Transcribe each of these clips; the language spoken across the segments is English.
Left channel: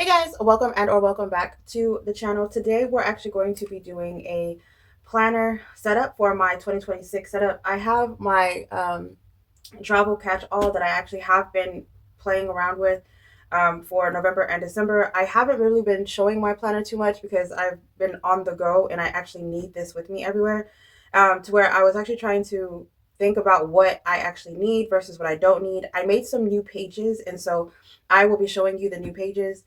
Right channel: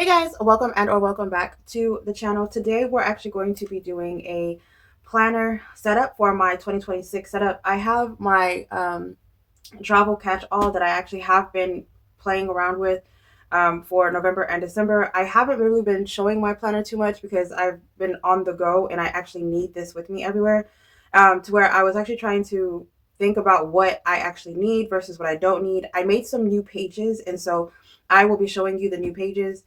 Hey guys, welcome and or welcome back to the channel. Today we're actually going to be doing a planner setup for my 2026 setup. I have my travel catch-all that I actually have been playing around with for November and December. I haven't really been showing my planner too much because I've been on the go and I actually need this with me everywhere, to where I was actually trying to think about what I actually need versus what I don't need. I made some new pages, and so I will be showing you the new pages.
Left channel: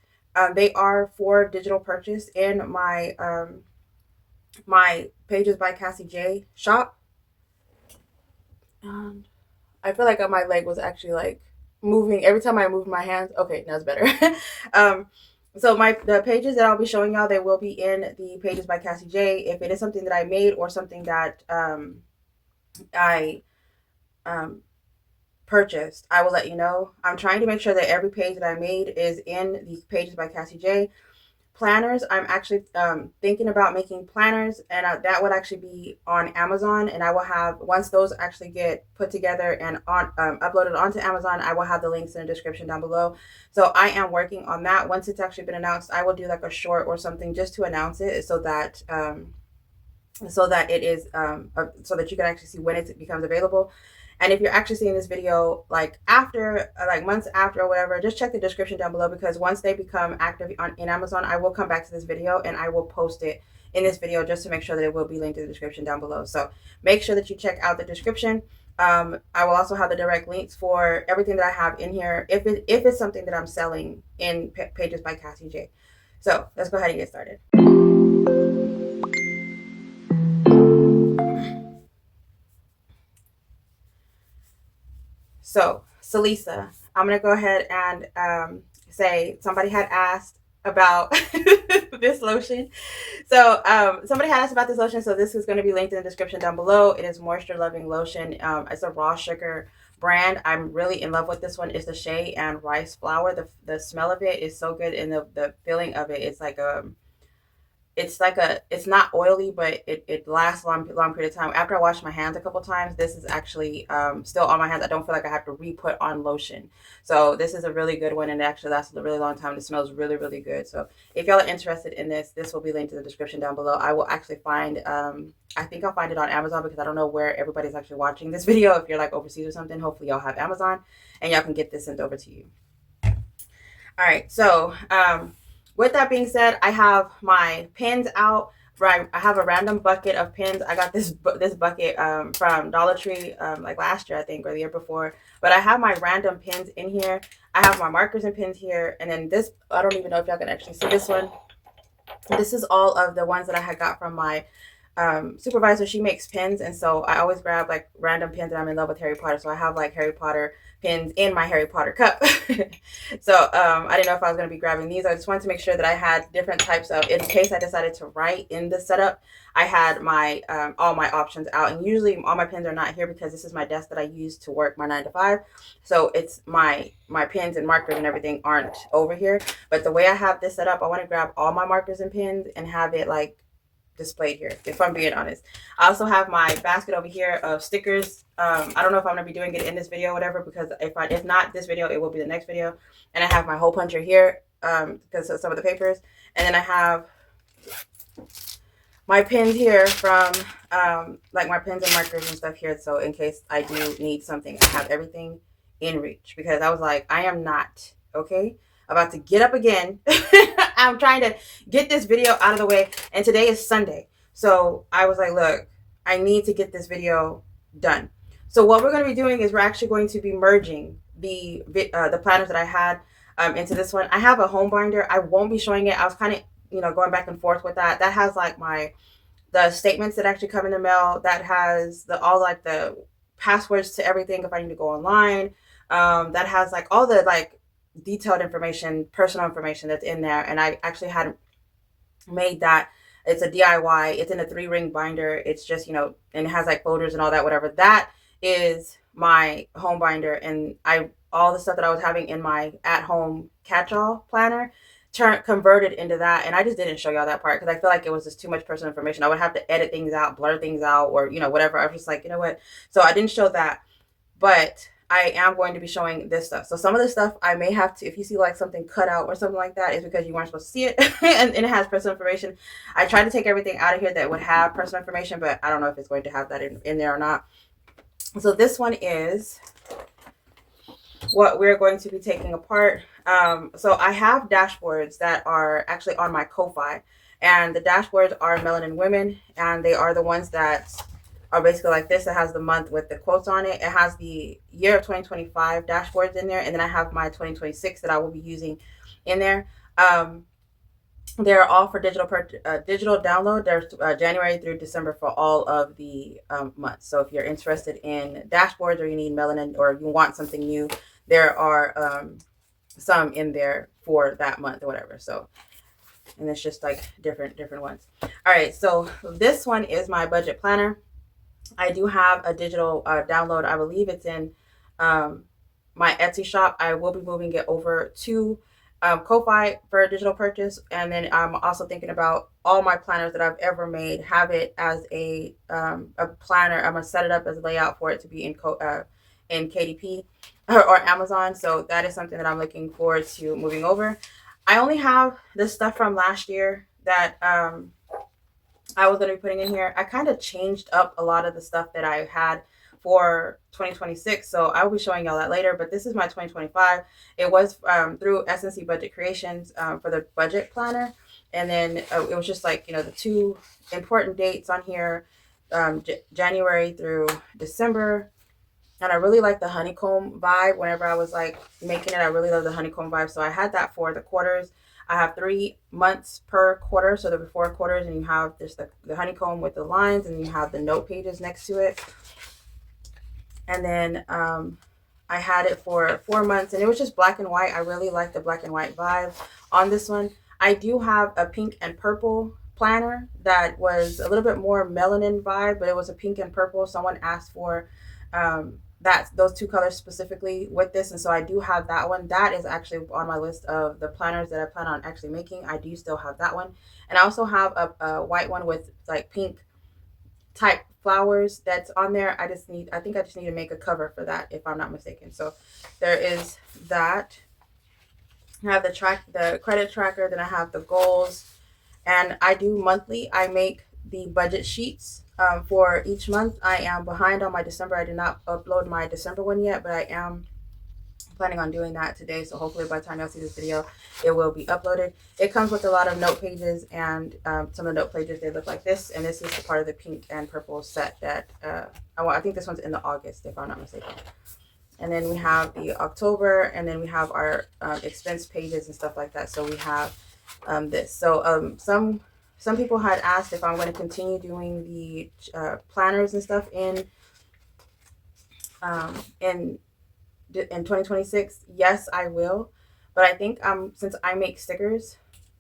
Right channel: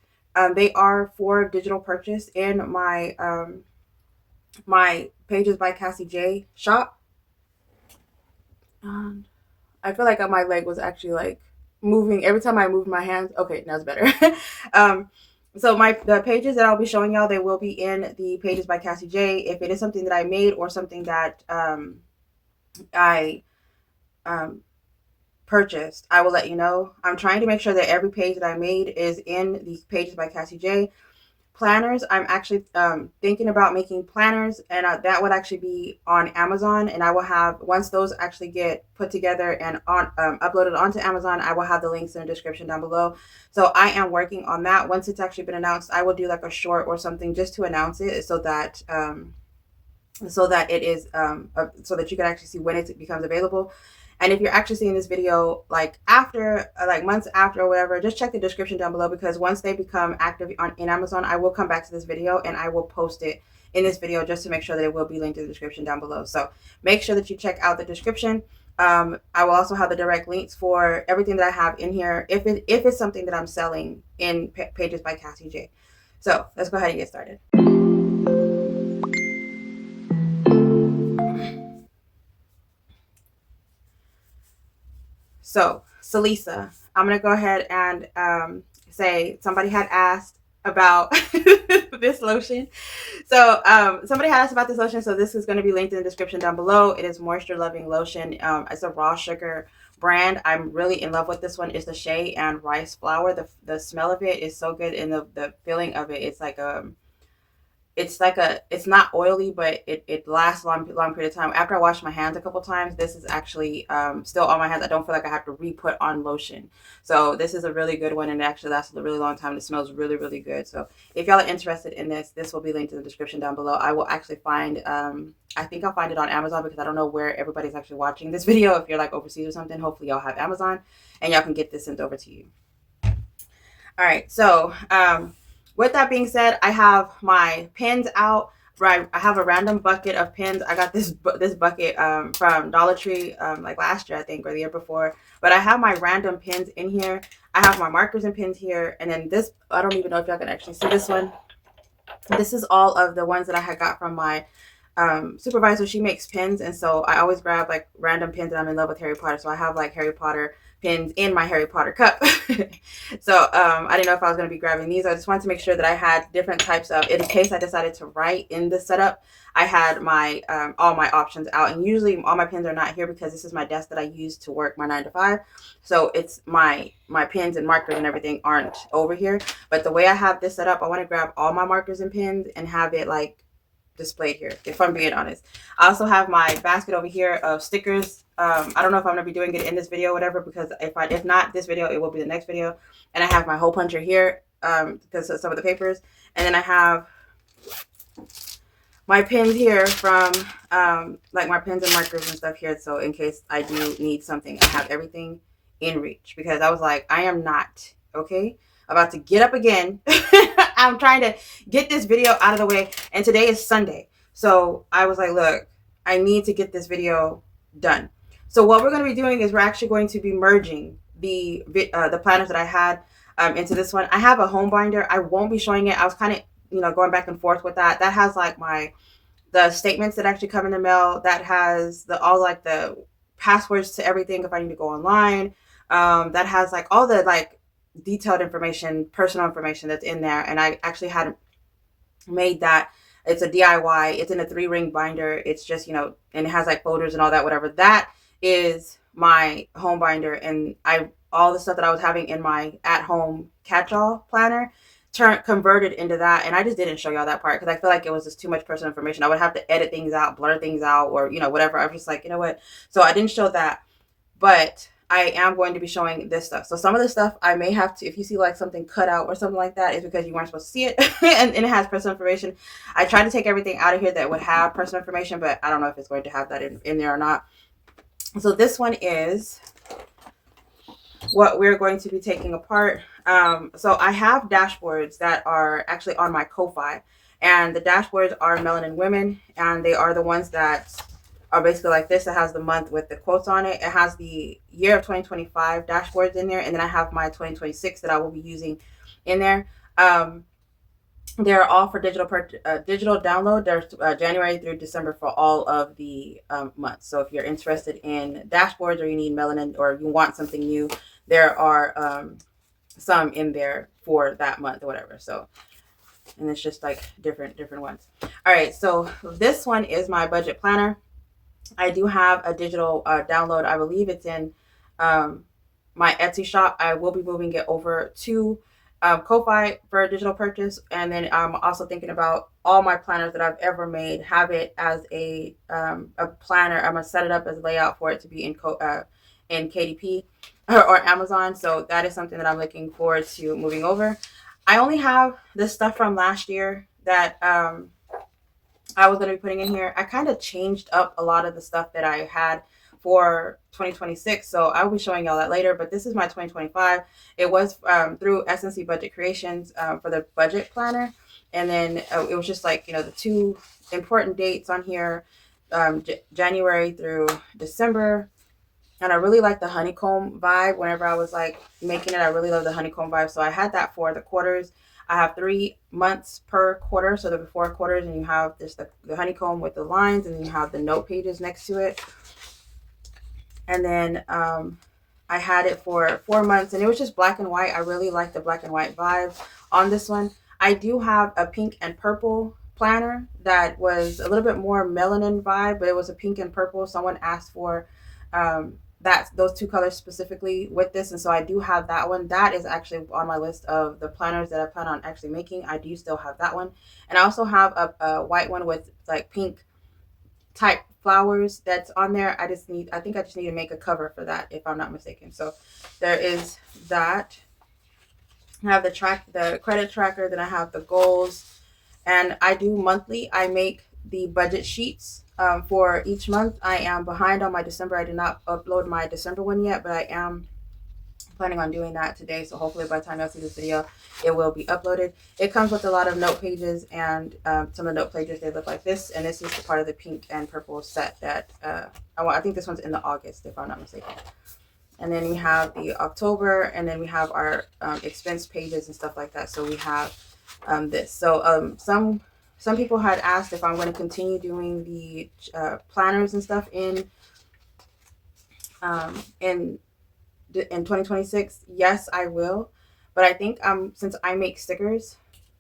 They are for digital purchase in my Pages by Cassie J shop. And I feel like my leg was actually like moving every time I moved my hands. Okay, now it's better. um, so the pages that I'll be showing y'all, they will be in the Pages by Cassie J. If it is something that I made or something that I um, purchased, I will let you know. I'm trying to make sure that every page that I made is in the Pages by Cassie J. Planners, I'm actually thinking about making planners, and that would actually be on Amazon, and I will have, once those actually get put together and on uploaded onto Amazon, I will have the links in the description down below. So I am working on that. Once it's actually been announced, I will do like a short or something just to announce it, so that it is so that you can actually see when it becomes available. And if you're actually seeing this video like after, like months after or whatever, just check the description down below, because once they become active in Amazon, I will come back to this video and I will post it in this video just to make sure that it will be linked in the description down below. So make sure that you check out the description. I will also have the direct links for everything that I have in here if it's something that I'm selling in Pages by Cassie J. So let's go ahead and get started. So, Salisa, I'm going to go ahead and say somebody had asked about this lotion. So, somebody had asked about this lotion. So, this is going to be linked in the description down below. It is Moisture Loving Lotion. It's a raw sugar brand. I'm really in love with this one. It's the shea and rice flower. The smell of it is so good, and the feeling of it, it's not oily, but it lasts a long period of time. After I wash my hands a couple times, this is actually still on my hands. I don't feel like I have to re-put on lotion. So this is a really good one, and it actually lasts a really long time. It smells really, really good. So if y'all are interested in this will be linked in the description down below. I will actually find, I think I'll find it on Amazon, because I don't know where everybody's actually watching this video. If you're like overseas or something, hopefully y'all have Amazon and y'all can get this sent over to you. All right, so with that being said, I have my pins out. Right, I have a random bucket of pins. I got this bucket from Dollar Tree like last year, I think, or the year before. But I have my random pins in here. I have my markers and pins here, and then this, I don't even know if y'all can actually see this one. This is all of the ones that I had got from my supervisor. She makes pins, and so I always grab like random pins, and I'm in love with Harry Potter, so I have like Harry Potter pins in my Harry Potter cup. So I didn't know if I was going to be grabbing these. I just wanted to make sure that I had different types of, in case I decided to write in the setup, I had my all my options out. And usually all my pins are not here, because this is my desk that I use to work my 9 to 5. So it's my pins and markers and everything aren't over here. But the way I have this set up, I want to grab all my markers and pins and have it like displayed here, if I'm being honest. I also have my basket over here of stickers. I don't know if I'm gonna be doing it in this video or whatever, because if not this video, it will be the next video. And I have my hole puncher here because of some of the papers, and then I have my pins here from like my pens and markers and stuff here, so in case I do need something, I have everything in reach, because I was like, I am not about to get up again. I'm trying to get this video out of the way, and today is Sunday, so I was like, look, I need to get this video done. So what we're going to be doing is we're actually going to be merging the planners that I had into this one. I have a home binder. I won't be showing it. I was kind of going back and forth with that. That has like the statements that actually come in the mail. That has all like the passwords to everything if I need to go online. That has like all the like detailed information, personal information that's in there. And I actually had made that. It's a DIY. It's in a 3-ring binder. It's just, and it has like folders and all that, whatever. That is my home binder. And all the stuff that I was having in my at-home catch-all planner converted into that. And I just didn't show y'all that part, because I feel like it was just too much personal information. I would have to edit things out, blur things out, or, whatever. I was just like, you know what? So I didn't show that. But I am going to be showing this stuff. So some of the stuff I may have to, if you see like something cut out or something like that, is because you weren't supposed to see it and it has personal information. I tried to take everything out of here that would have personal information, but I don't know if it's going to have that in there or not. So this one is what we're going to be taking apart. So I have dashboards that are actually on my Ko-Fi, and the dashboards are Melanin Women, and they are the ones that are basically like this. It has the month with the quotes on it. It has the year of 2025 dashboards in there, and then I have my 2026 that I will be using in there. They're all for digital download. There's January through December for all of the months. So if you're interested in dashboards, or you need melanin, or you want something new, there are some in there for that month or whatever. So, and it's just like different ones. All right, so this one is my budget planner. I do have a digital download. I believe it's in my Etsy shop. I will be moving it over to Ko-Fi for a digital purchase, and then I'm also thinking about all my planners that I've ever made, have it as a planner. I'm gonna set it up as a layout for it to be in KDP or Amazon. So that is something that I'm looking forward to moving over. I only have this stuff from last year that I was going to be putting in here. I kind of changed up a lot of the stuff that I had for 2026, so I will be showing y'all that later. But this is my 2025. It was through SnC Budget Creations for the budget planner, and then it was just like, you know, the two important dates on here, January through December. And I really like the honeycomb vibe. Whenever I was like making it, I really love the honeycomb vibe. So I had that for the quarters. I have 3 months per quarter, so there were 4 quarters, and you have this the honeycomb with the lines, and you have the note pages next to it. And then I had it for 4 months, and it was just black and white. I really like the black and white vibe on this one. I do have a pink and purple planner that was a little bit more melanin vibe, but it was a pink and purple. Someone asked for those 2 colors specifically with this, and so I do have that one. That is actually on my list of the planners that I plan on actually making. I do still have that one, and I also have a white one with like pink type flowers that's on there. I think I just need to make a cover for that, if I'm not mistaken. So there is that. I have the credit tracker, then I have the goals, and I do monthly. I make the budget sheets for each month. I am behind on my December. I did not upload my December one yet, but I am planning on doing that today. So hopefully by the time y'all see this video, it will be uploaded. It comes with a lot of note pages, and some of the note pages, they look like this. And this is the part of the pink and purple set that I think this one's in the August, if I'm not mistaken. And then we have the October, and then we have our expense pages and stuff like that. So we have this. So some people had asked if I'm going to continue doing the planners and stuff in 2026. Yes, I will. But I think since I make stickers,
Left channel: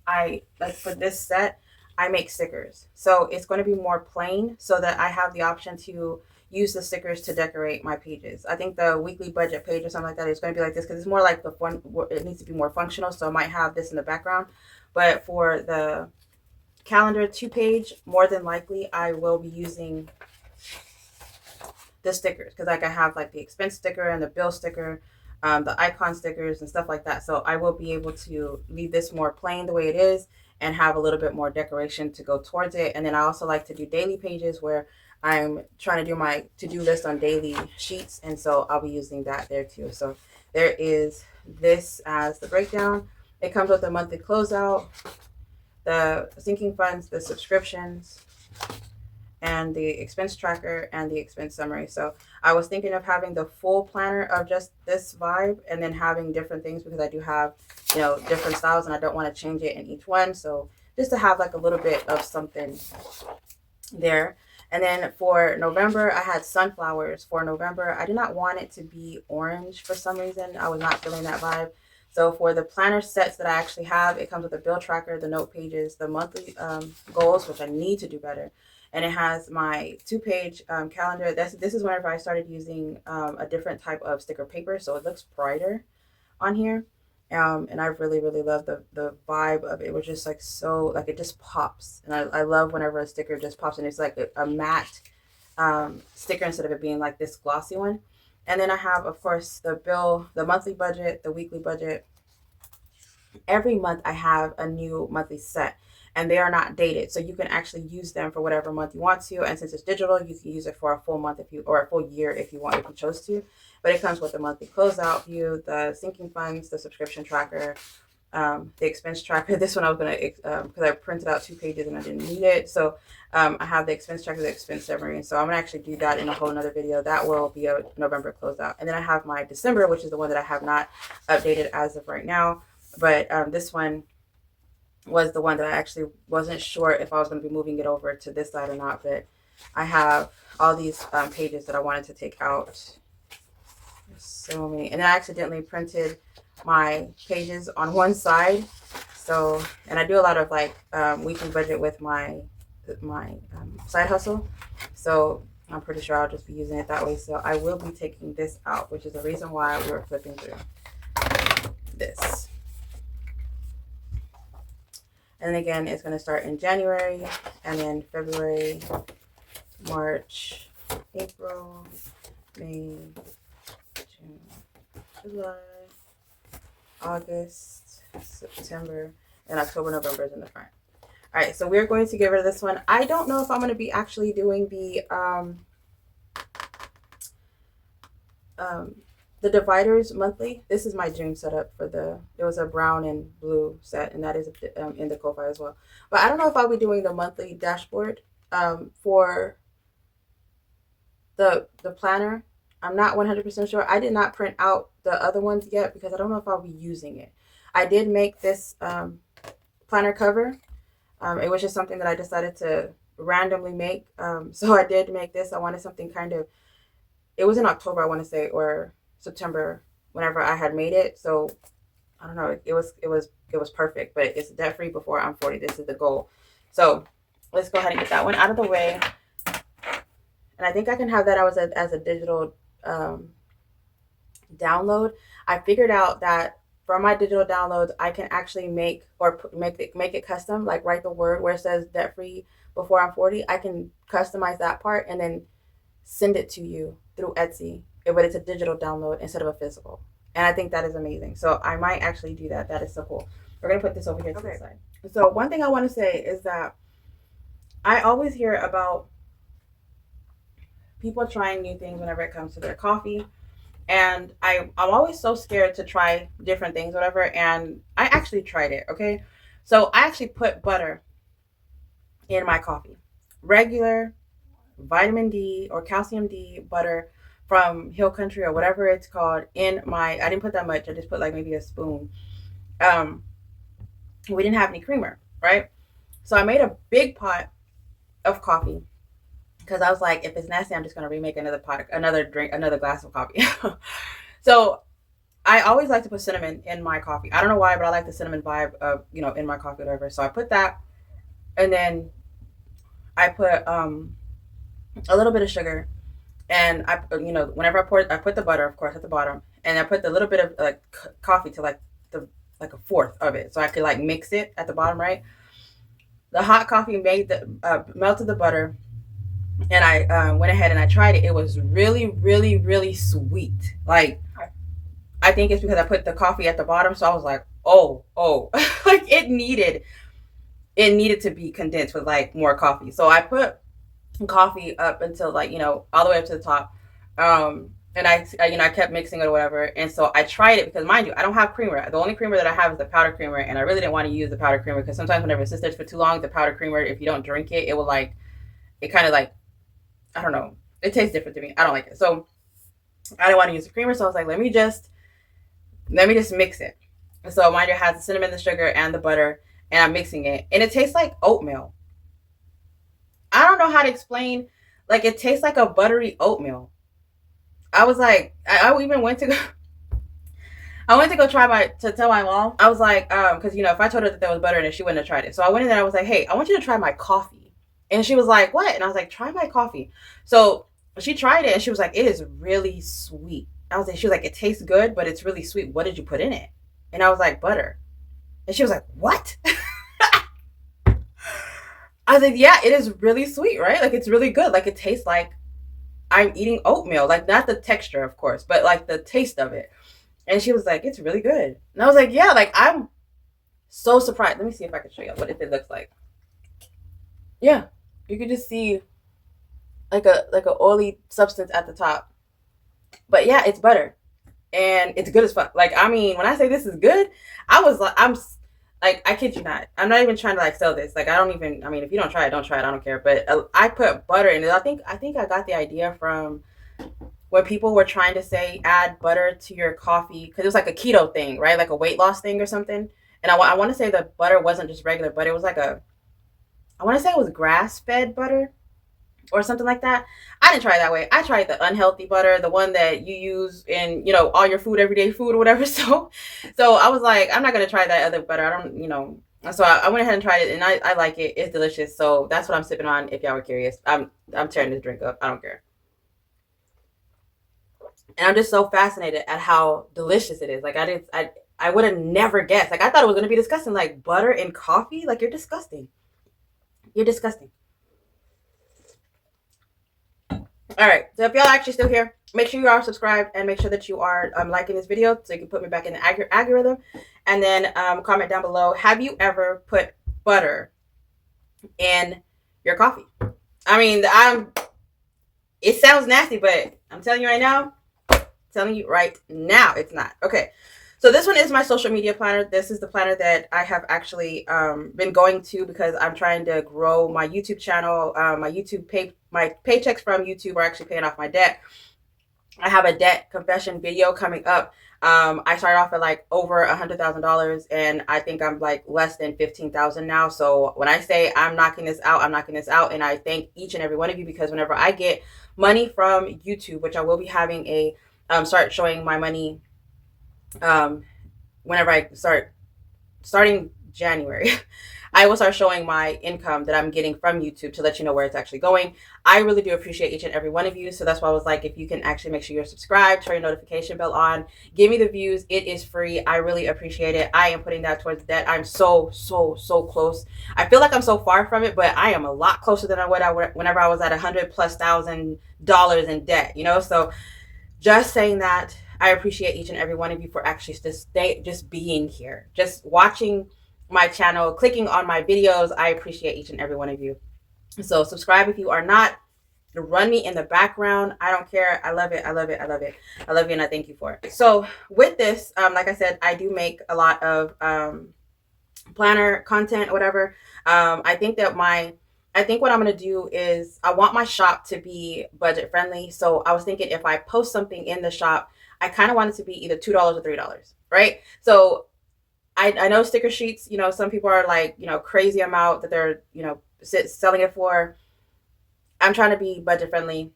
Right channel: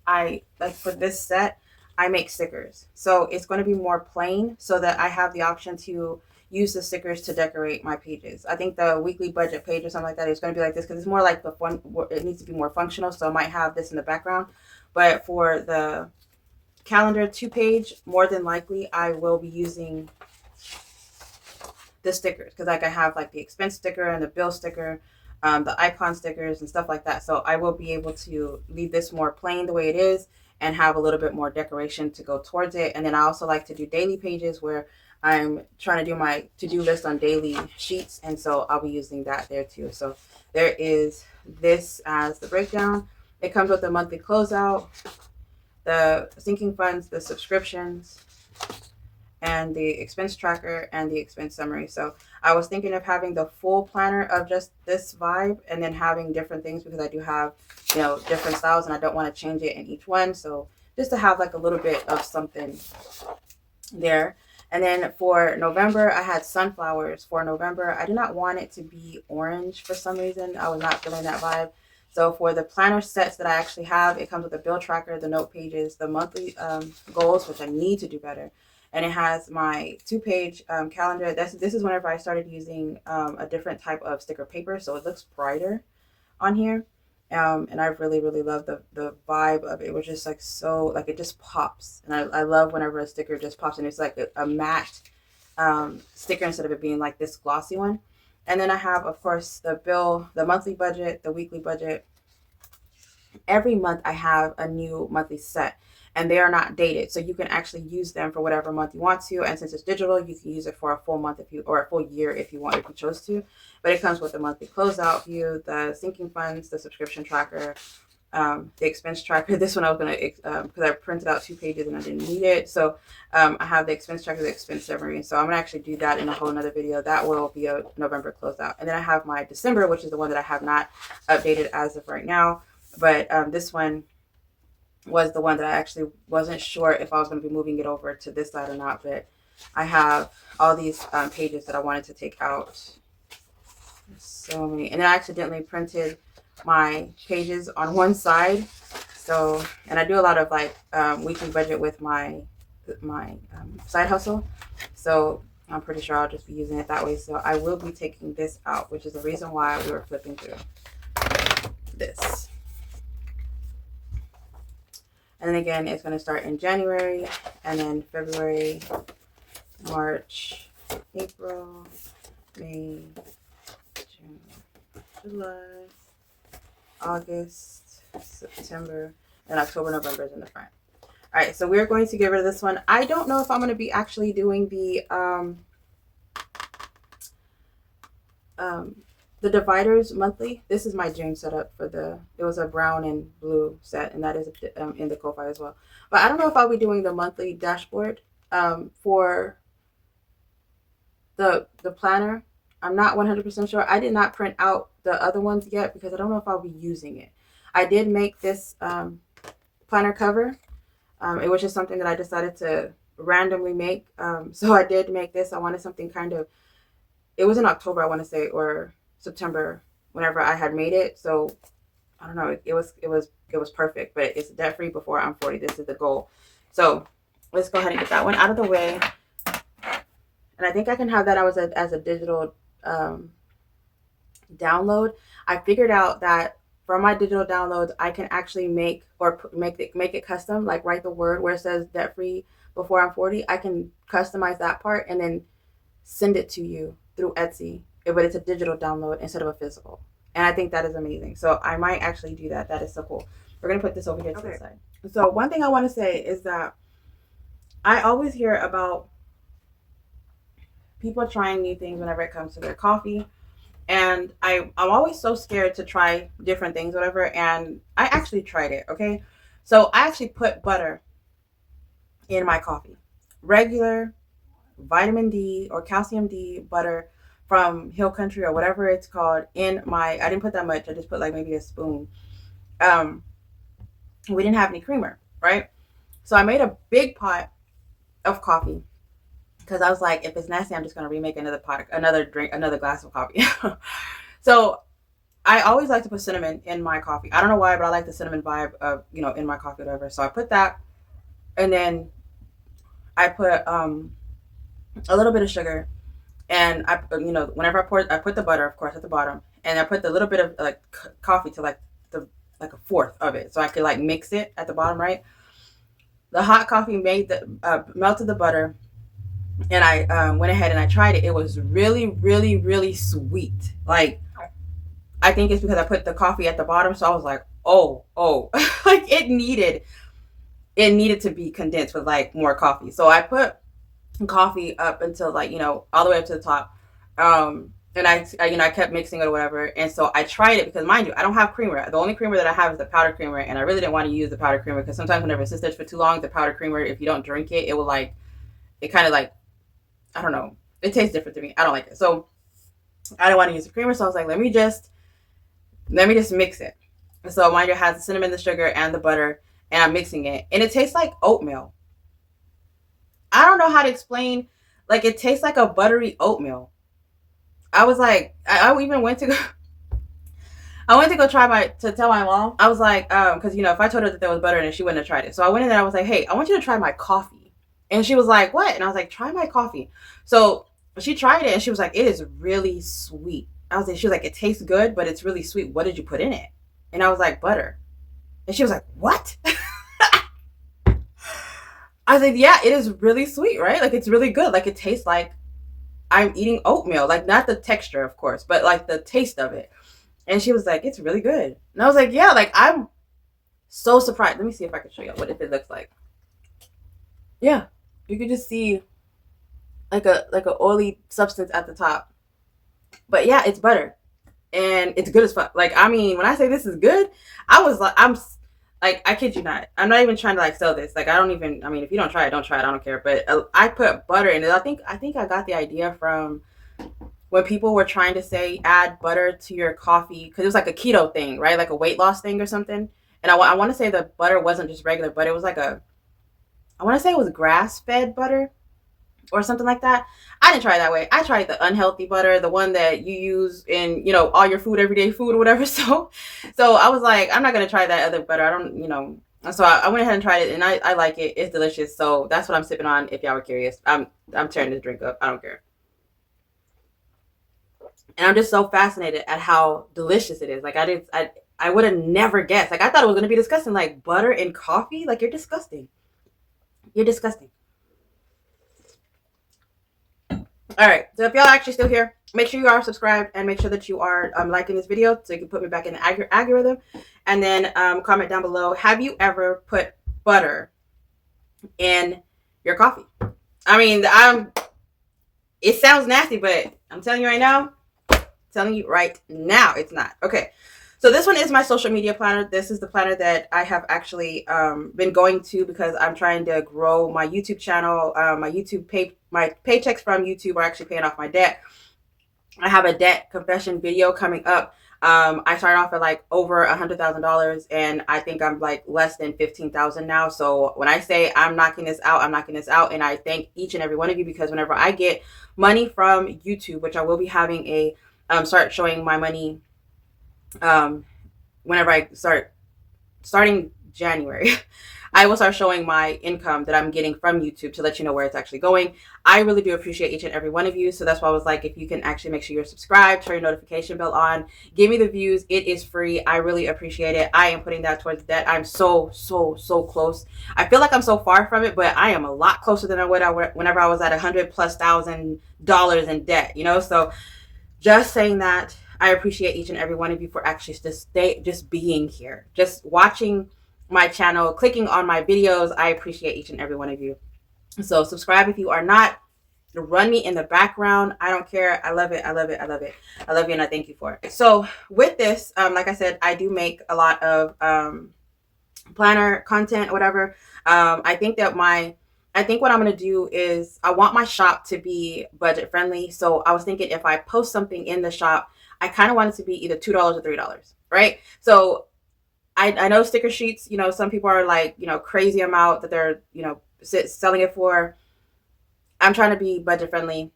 like for this set, I make stickers. So it's going to be more plain, so that I have the option to use the stickers to decorate my pages. I think the weekly budget page or something like that is going to be like this, because it's more like it needs to be more functional. So I might have this in the background. But for the calendar 2 page, more than likely I will be using the stickers, because like I have like the expense sticker and the bill sticker, the icon stickers and stuff like that. So I will be able to leave this more plain the way it is, and have a little bit more decoration to go towards it. And then I also like to do daily pages, where I'm trying to do my to-do list on daily sheets, and so I'll be using that there too. So there is this as the breakdown. It comes with the monthly closeout, the sinking funds, the subscriptions, and the expense tracker, and the expense summary. So I was thinking of having the full planner of just this vibe, and then having different things, because I do have, you know, different styles, and I don't want to change it in each one. So just to have like a little bit of something there. And then for November, I had sunflowers for November. I did not want it to be orange for some reason. I was not feeling that vibe. So for the planner sets that I actually have, it comes with a bill tracker, the note pages, the monthly goals, which I need to do better. And it has my 2-page calendar. This is whenever I started using a different type of sticker paper, so it looks brighter on here. And I really, really love the vibe of it. It was just like so, like it just pops. And I love whenever a sticker just pops, and it's like a matte sticker instead of it being like this glossy one. And then I have, of course, the bill, the monthly budget, the weekly budget. Every month I have a new monthly set, and they are not dated, so you can actually use them for whatever month you want to. And since it's digital, you can use it for a full month if you, or a full year if you want, if you chose to. But it comes with the monthly closeout view, the sinking funds, the subscription tracker, the expense tracker. This one I was gonna, because I printed out 2 pages and I didn't need it, so I have the expense tracker, the expense summary. So I'm gonna actually do that in a whole another video. That will be a November closeout. And then I have my December, which is the one that I have not updated as of right now. But this one was the one that I actually wasn't sure if I was going to be moving it over to this side or not. But I have all these pages that I wanted to take out. There's so many. And I accidentally printed my pages on one side. So, and I do a lot of like weekly budget with my side hustle. So I'm pretty sure I'll just be using it that way. So I will be taking this out, which is the reason why we were flipping through this. And then again, it's going to start in January, and then February, March, April, May, June, July, August, September, and October, November is in the front. All right, so we're going to get rid of this one. I don't know if I'm going to be actually doing the dividers monthly. This is my June setup for it was a brown and blue set, and that is in the Ko-Fi as well. But I don't know if I'll be doing the monthly dashboard for the planner. I'm not 100% sure. I did not print out the other ones yet because I don't know if I'll be using it. I did make this planner cover. It was just something that I decided to randomly make. So I did make this. I wanted something kind of, it was in October, I want to say, or September, whenever I had made it. So I don't know, it was perfect. But it's debt free before I'm 40. This is the goal. So let's go ahead and get that one out of the way. And I think I can have that as a digital download. I figured out that for my digital downloads, I can actually make it custom, like write the word where it says debt free before I'm 40. I can customize that part and then send it to you through Etsy, but it's a digital download instead of a physical. And I think that is amazing. So I might actually do that. That is so cool. We're going to put this over here to the side. So one thing I want to say is that I always hear about people trying new things whenever it comes to their coffee. And I'm always so scared to try different things, whatever. And I actually tried it, okay? So I actually put butter in my coffee. Regular vitamin D or calcium D butter from Hill Country or whatever it's called in my, I didn't put that much. I just put like maybe a spoon. We didn't have any creamer, right? So I made a big pot of coffee because I was like, if it's nasty, I'm just going to remake another glass of coffee. So I always like to put cinnamon in my coffee. I don't know why, but I like the cinnamon vibe of, in my coffee, whatever. So I put that, and then I put a little bit of sugar, and whenever I put the butter, of course, at the bottom, and I put the little bit of like coffee to like a fourth of it, so I could like mix it at the bottom, right? The hot coffee melted the butter, and I went ahead and I tried it. It was really, really, really sweet. Like, I think it's because I put the coffee at the bottom, so I was like, oh, like it needed to be condensed with like more coffee. So I put coffee up until like, all the way up to the top. And I kept mixing it or whatever. And so I tried it because, mind you, I don't have creamer. The only creamer that I have is the powdered creamer. And I really didn't want to use the powdered creamer because sometimes whenever it sits there for too long, the powdered creamer, if you don't drink it, it will like, it kind of like, I don't know. It tastes different to me. I don't like it. So I didn't want to use the creamer. So I was like, let me just mix it. So mind you, it has the cinnamon, the sugar, and the butter. And I'm mixing it. And it tastes like oatmeal. I don't know how to explain. Like, it tastes like a buttery oatmeal. I was like, I even went to go. I went to go tell my mom. I was like, because if I told her that there was butter in it, she wouldn't have tried it. So I went in there. I was like, hey, I want you to try my coffee. And she was like, what? And I was like, try my coffee. So she tried it, and she was like, it is really sweet. She was like, it tastes good, but it's really sweet. What did you put in it? And I was like, butter. And she was like, what? I was like, yeah, it is really sweet, right? Like, it's really good. Like, it tastes like, I'm eating oatmeal, like not the texture, of course, but like the taste of it. And she was like, it's really good. And I was like, yeah, like I'm so surprised. Let me see if I can show you what it looks like. Yeah, you can just see like a oily substance at the top. But yeah, it's butter and it's good as fuck. Like, I mean, when I say this is good, I was like, I'm like, I kid you not. I'm not even trying to like sell this. Like, I don't even. I mean, if you don't try it, don't try it. I don't care. But I put butter in it. I think I got the idea from when people were trying to say add butter to your coffee because it was like a keto thing, right? Like a weight loss thing or something. And I want to say the butter wasn't just regular butter. It was like I want to say it was grass fed butter or something like that. I didn't try it that way. I tried the unhealthy butter, the one that you use in, all your food, everyday food or whatever. So I was like, I'm not going to try that other butter. I don't, so I went ahead and tried it and I like it. It's delicious. So that's what I'm sipping on. If y'all were curious, I'm tearing this drink up. I don't care. And I'm just so fascinated at how delicious it is. Like I would have never guessed. Like I thought it was going to be disgusting. Like butter in coffee. Like you're disgusting. You're disgusting. All right, so if y'all are actually still here, make sure you are subscribed and make sure that you are liking this video so you can put me back in the algorithm. And then comment down below, have you ever put butter in your coffee? I mean, it sounds nasty, but I'm telling you right now, it's not. Okay, so this one is my social media planner. This is the planner that I have actually been going to because I'm trying to grow my YouTube channel. My paychecks from YouTube are actually paying off my debt. I have a debt confession video coming up. I started off at like over $100,000 and I think I'm like less than 15,000 now. So when I say I'm knocking this out, I'm knocking this out. And I thank each and every one of you because whenever I get money from YouTube, which I will be having a start showing my money whenever I starting January, I will start showing my income that I'm getting from YouTube to let you know where it's actually going. I really do appreciate each and every one of you. So that's why I was like, if you can actually make sure you're subscribed, turn your notification bell on, give me the views. It is free. I really appreciate it. I am putting that towards debt. I'm so close. I feel like I'm so far from it, but I am a lot closer than whenever I was at $100,000+ in debt, So just saying that, I appreciate each and every one of you for actually just being here, just watching my channel, clicking on my videos. I appreciate each and every one of you. So subscribe if you are not. Run me in the background. I don't care. I love it. I love it. I love it. I love you and I thank you for it. So with this, like I said, I do make a lot of planner content, whatever. I think what I'm going to do is I want my shop to be budget friendly. So I was thinking if I post something in the shop, I kind of want it to be either $2 or $3, right? So I know sticker sheets, some people are like, crazy amount that they're, selling it for. I'm trying to be budget friendly.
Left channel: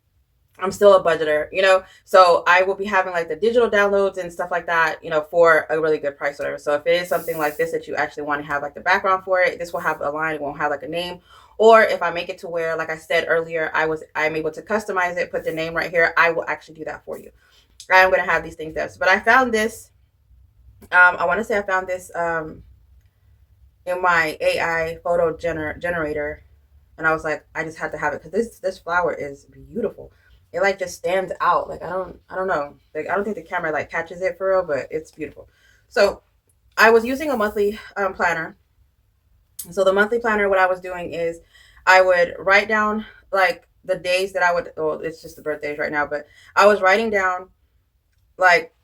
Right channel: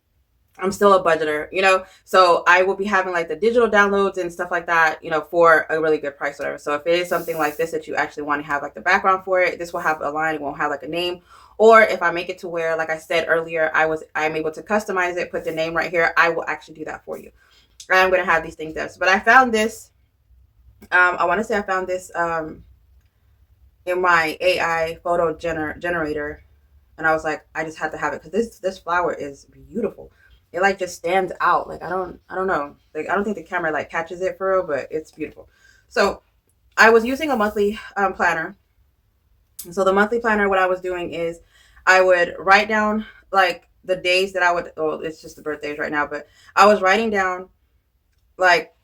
I'm still a budgeter, so I will be having like the digital downloads and stuff like that, for a really good price, whatever. So if it is something like this that you actually want to have like the background for it, this will have a line, it won't have like a name. Or if I make it to where, like I said earlier, I'm able to customize it, put the name right here, I will actually do that for you. I'm going to have these things up. But I found this, I want to say I found this in my AI photo generator. And I was like, I just had to have it because this flower is beautiful. It like just stands out. Like, I don't know. Like, I don't think the camera like catches it for real, but it's beautiful. So I was using a monthly planner. So the monthly planner, what I was doing is I would write down like the days that it's just the birthdays right now, but I was writing down like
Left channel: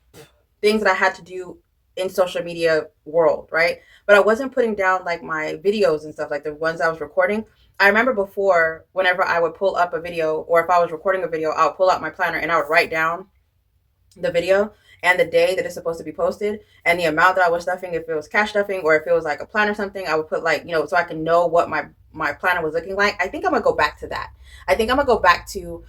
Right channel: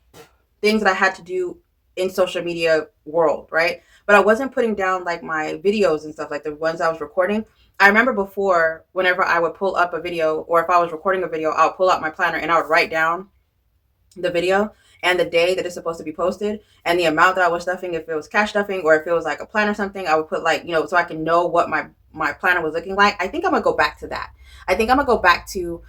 things that I had to do in social media world, right? But I wasn't putting down like my videos and stuff, like the ones I was recording. I remember before, whenever I would pull up a video, or if I was recording a video, I would pull out my planner and I would write down the video and the day that it's supposed to be posted and the amount that I was stuffing, if it was cash stuffing or if it was like a plan or something, I would put like, so I can know what my planner was looking like. I think I'm gonna go back to that. I think I'm gonna go back to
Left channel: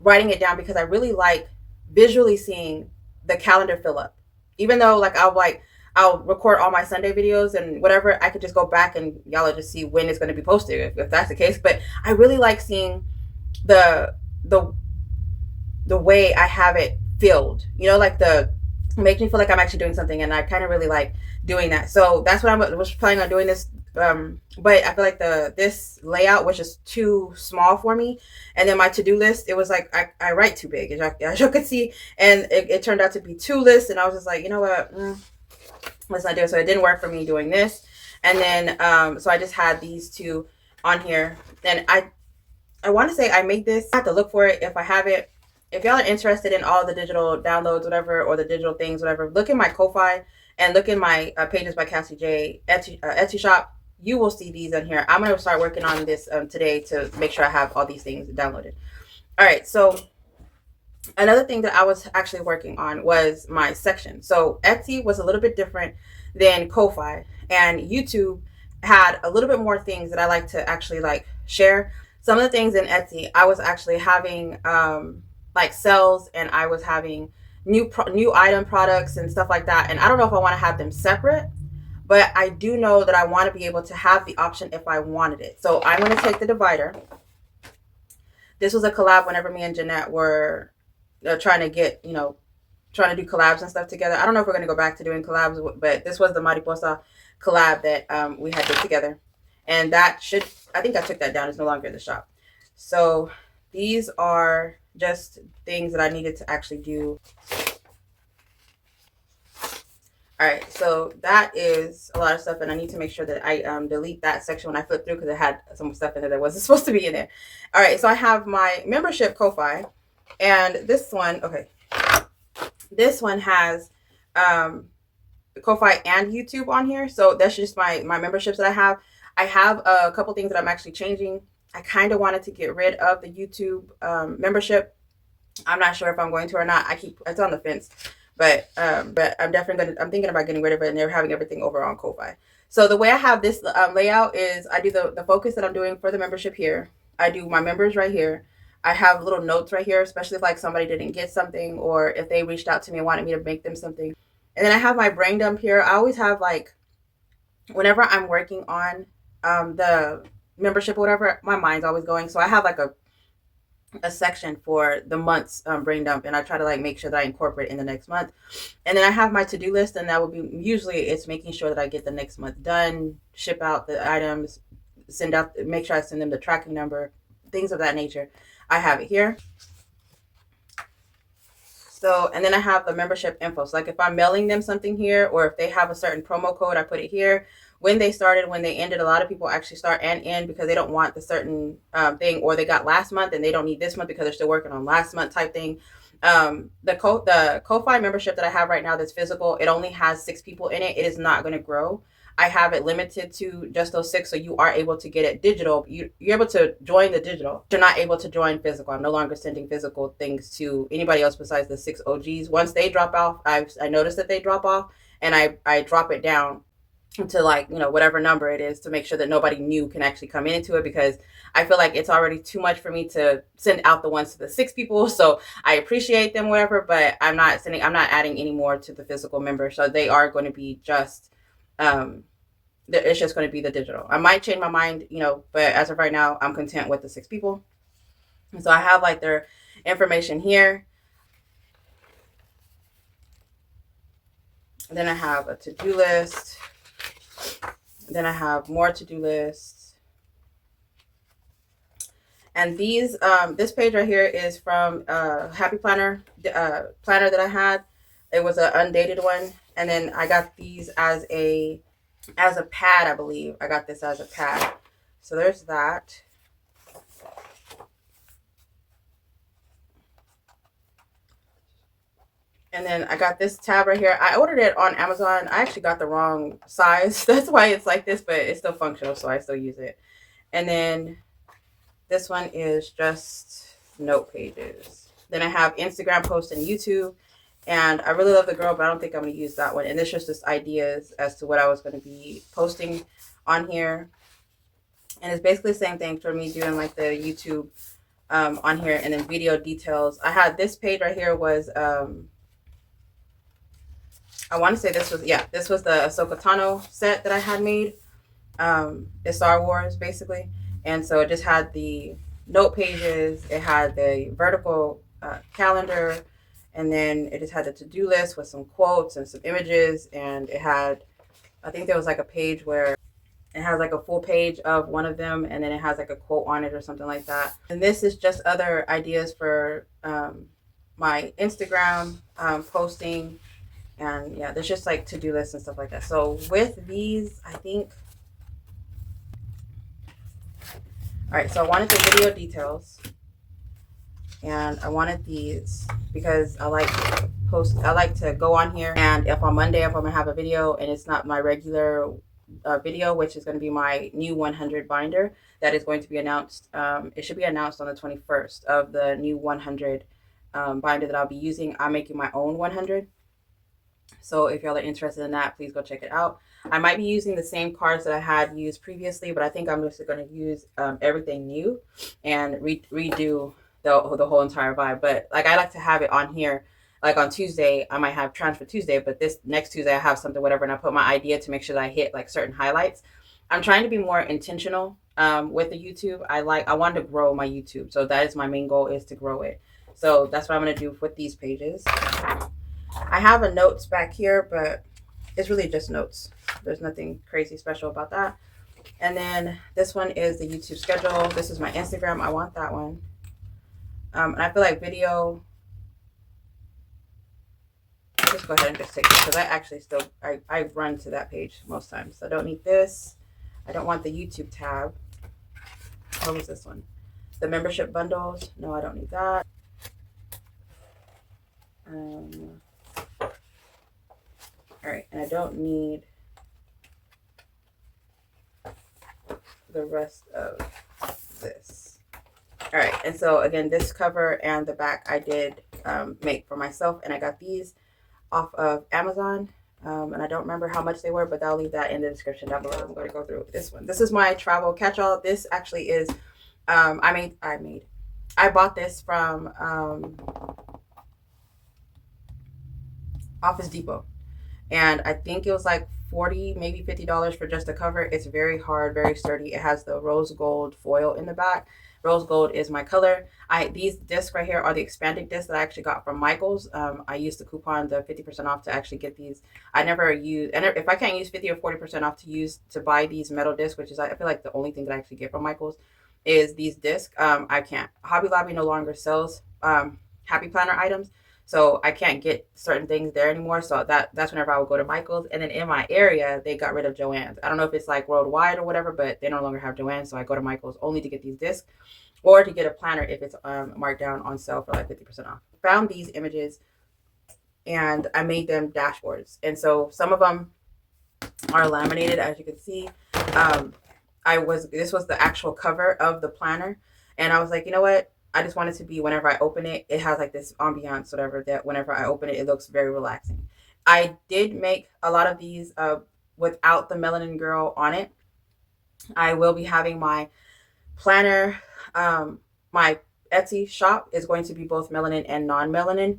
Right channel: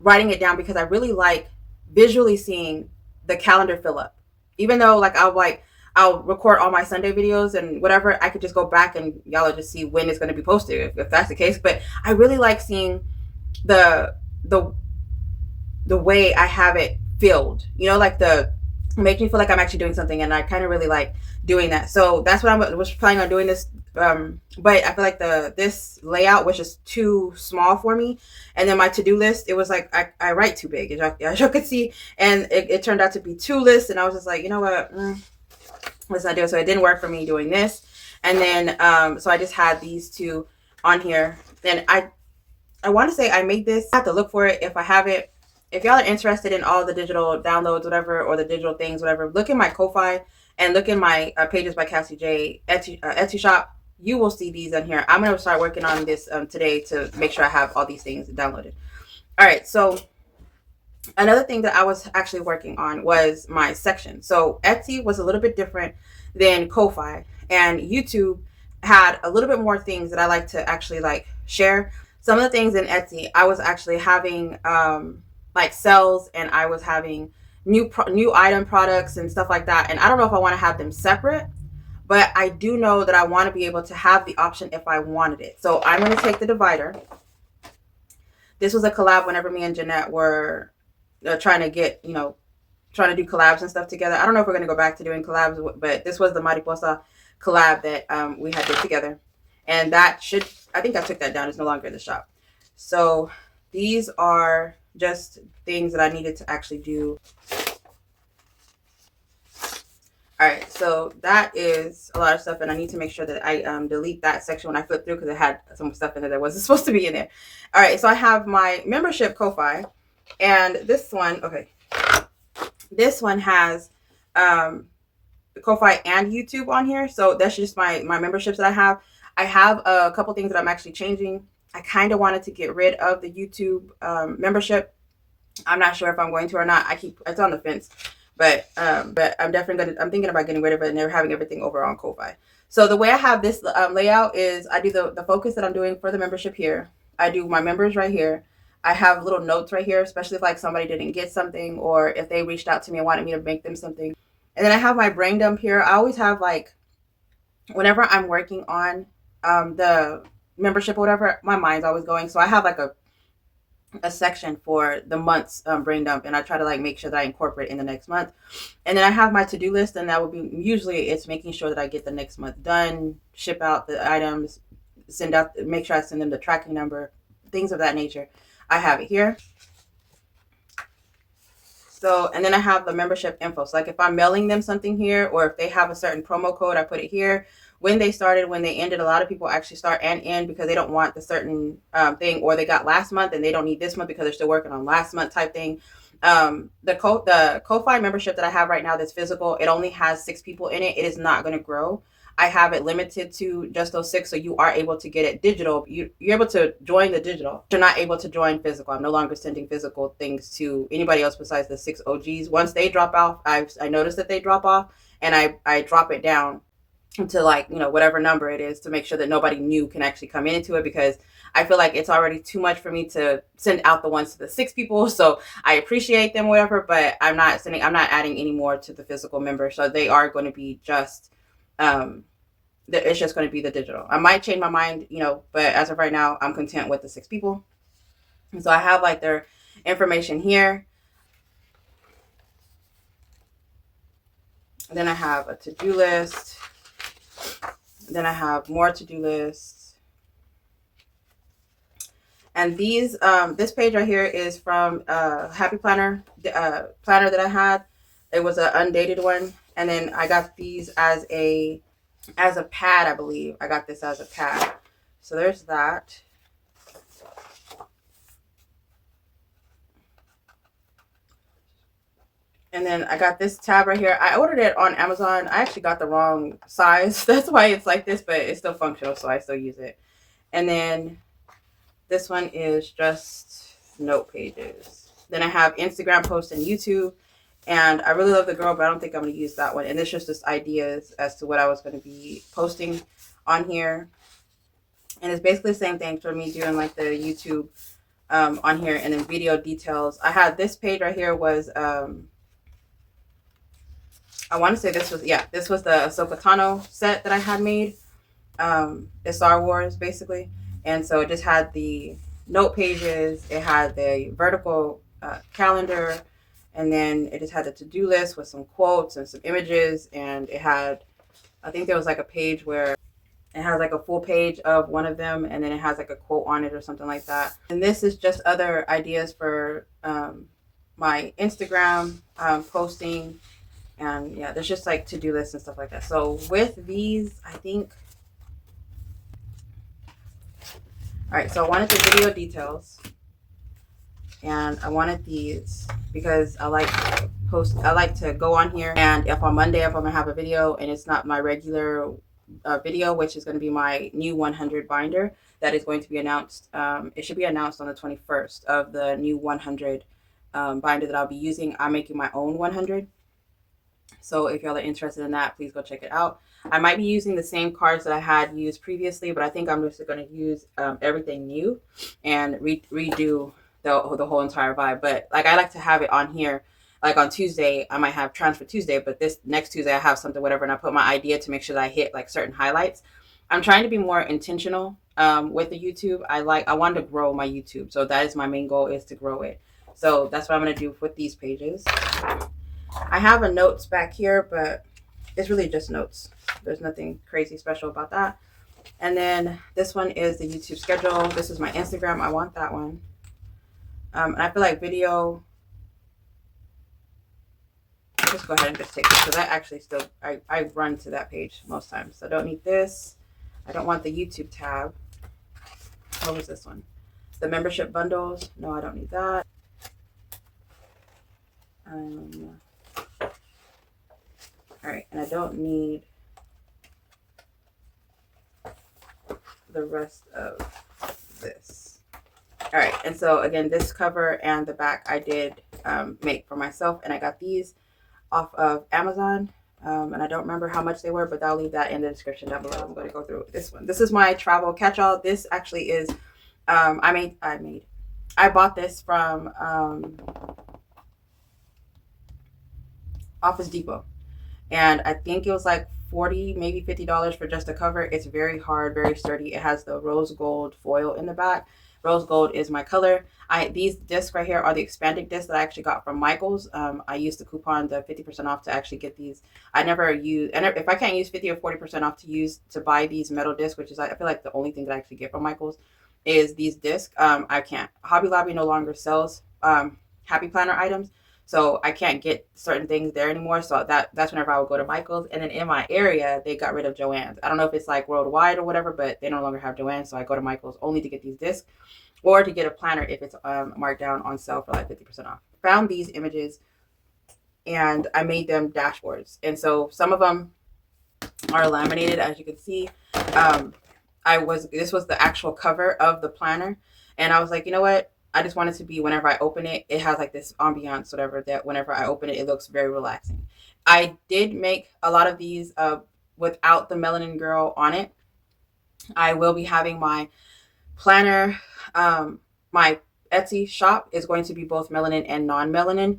writing it down because I really like visually seeing the calendar fill up. Even though like I'll record all my Sunday videos and whatever, I could just go back and y'all will just see when it's going to be posted if that's the case. But I really like seeing the way I have it filled, like make me feel like I'm actually doing something, and I kind of really like doing that. So that's what I was planning on doing this But I feel like this layout was just too small for me. And then my to-do list, it was like I write too big, as you could see, and it turned out to be 2 lists, and I was just like, you know what, let's not do it. So it didn't work for me doing this. And then so I just had these two on here. Then I want to say I made this. I have to look for it if I have it. If y'all are interested in all the digital downloads, whatever, or the digital things, whatever, look in my Ko-Fi and look in my Pages by Cassie J Etsy shop. You will see these in here. I'm going to start working on this today to make sure I have all these things downloaded. All right. So another thing that I was actually working on was my section. So Etsy was a little bit different than Ko-Fi, and YouTube had a little bit more things that I like to actually like share. Some of the things in Etsy, I was actually having like sales, and I was having new item products and stuff like that. And I don't know if I want to have them separate, but I do know that I want to be able to have the option if I wanted it. So I'm going to take the divider. This was a collab whenever me and Jeanette were trying to get, trying to do collabs and stuff together. I don't know if we're going to go back to doing collabs, but this was the Mariposa collab that we had did together. And that should, I think I took that down. It's no longer in the shop. So these are just things that I needed to actually do. All right, so that is a lot of stuff, and I need to make sure that I delete that section when I flip through, because it had some stuff in there that wasn't supposed to be in there. All right, so I have my membership Ko-Fi, and this one, okay, this one has Ko-Fi and YouTube on here. So that's just my memberships that I have. I have a couple things that I'm actually changing. I kind of wanted to get rid of the YouTube membership. I'm not sure if I'm going to or not. It's on the fence. But I'm definitely I'm thinking about getting rid of it, and they're having everything over on Ko-Fi. So the way I have this layout is I do the focus that I'm doing for the membership here. I do my members right here. I have little notes right here, especially if like somebody didn't get something, or if they reached out to me and wanted me to make them something. And then I have my brain dump here. I always have, like, whenever I'm working on the membership or whatever, my mind's always going. So I have like a section for the month's brain dump, and I try to like make sure that I incorporate in the next month. And then I have my to-do list, and that would be usually it's making sure that I get the next month done, ship out the items, make sure I send them the tracking number, things of that nature. I have it here. So, and then I have the membership info. So like if I'm mailing them something here, or if they have a certain promo code, I put it here. When they started, when they ended, a lot of people actually start and end because they don't want the certain thing, or they got last month and they don't need this month because they're still working on last month type thing. The Ko-Fi membership that I have right now that's physical, it only has 6 people in it. It is not going to grow. I have it limited to just those 6, so you are able to get it digital. You're able to join the digital. You're not able to join physical. I'm no longer sending physical things to anybody else besides the 6 OGs. Once they drop off, I notice that they drop off, and I drop it down to like, whatever number it is, to make sure that nobody new can actually come into it, because I feel like it's already too much for me to send out the ones to the 6 people. So I appreciate them, whatever, but I'm not adding any more to the physical members. So they are going to be just, it's just going to be the digital. I might change my mind, but as of right now, I'm content with the 6 people. And so I have like their information here. And then I have a to-do list. Then I have more to-do lists. And these, this page right here is from Happy Planner, planner that I had. It was an undated one. And then I got these as a pad, I believe. I got this as a pad. So there's that. And then I got this tab right here. I ordered it on Amazon. I actually got the wrong size. That's why it's like this, but it's still functional, so I still use it. And then this one is just note pages. Then I have Instagram posts and YouTube. And I really love the girl, but I don't think I'm going to use that one. And this is just ideas as to what I was going to be posting on here. And it's basically the same thing for me doing like the YouTube on here, and then video details. I had this page right here was, I want to say this was the Ahsoka Tano set that I had made. It's Star Wars basically. And so it just had the note pages. It had the vertical calendar. And then it just had a to-do list with some quotes and some images. And it had, I think there was like a page where It has like a full page of one of them, and then it has like a quote on it or something like that. And this is just other ideas for my Instagram posting. And yeah, there's just like to-do lists and stuff like that. So with these, I think, all right, so I wanted the video details, and I wanted these because I like to go on here, and if on Monday, if I'm gonna have a video and it's not my regular video, which is going to be my new 100 binder that is going to be announced, it should be announced on the 21st of the new 100 binder that I'll be using. I'm making my own 100. So if y'all are interested in that, please go check it out. I might be using the same cards that I had used previously, but I think I'm just going to use everything new and redo the whole entire vibe. But like, I like to have it on here. Like on Tuesday, I might have Transfer Tuesday, but this next Tuesday I have something, whatever, and I put my idea to make sure that I hit like certain highlights. I'm trying to be more intentional with the YouTube. I want to grow my YouTube. So that is my main goal, is to grow it. So that's what I'm going to do with these pages. I have a notes back here, but it's really just notes. There's nothing crazy special about that. And then this one is the YouTube schedule. This is my Instagram. I want that one. And I feel like video, I'll just go ahead and just take this, because I actually still, I run to that page most times. So I don't need this. I don't want the YouTube tab. What was this one? The membership bundles. No, I don't need that. All right, and I don't need the rest of this. All right, and so again, this cover and the back I did make for myself, and I got these off of Amazon, and I don't remember how much they were, but I'll leave that in the description down below. I'm going to go through this one. This is my travel catch-all. This actually is, I bought this from Office Depot. And I think it was like $40, maybe $50 for just the cover. It's very hard, very sturdy. It has the rose gold foil in the back. Rose gold is my color. These discs right here are the expanded discs that I actually got from Michael's. I used the coupon, the 50% off, to actually get these. I never use, and if I can't use 50 or 40% off to buy these metal discs, which is, I feel like, the only thing that I actually get from Michael's, is these discs. I can't. Hobby Lobby no longer sells Happy Planner items. So I can't get certain things there anymore. So that's whenever I would go to Michael's. And then in my area, they got rid of Joann's. I don't know if it's like worldwide or whatever, but they no longer have Joann's. So I go to Michael's only to get these discs, or to get a planner if it's marked down on sale for like 50% off. Found these images and I made them dashboards. And so some of them are laminated, as you can see. This was the actual cover of the planner. And I was like, you know what? I just want it to be, whenever I open it, it has like this ambiance, whatever, that whenever I open it, it looks very relaxing. I did make a lot of these without the Melanin Girl on it. I will be having my planner, my Etsy shop is going to be both melanin and non-melanin.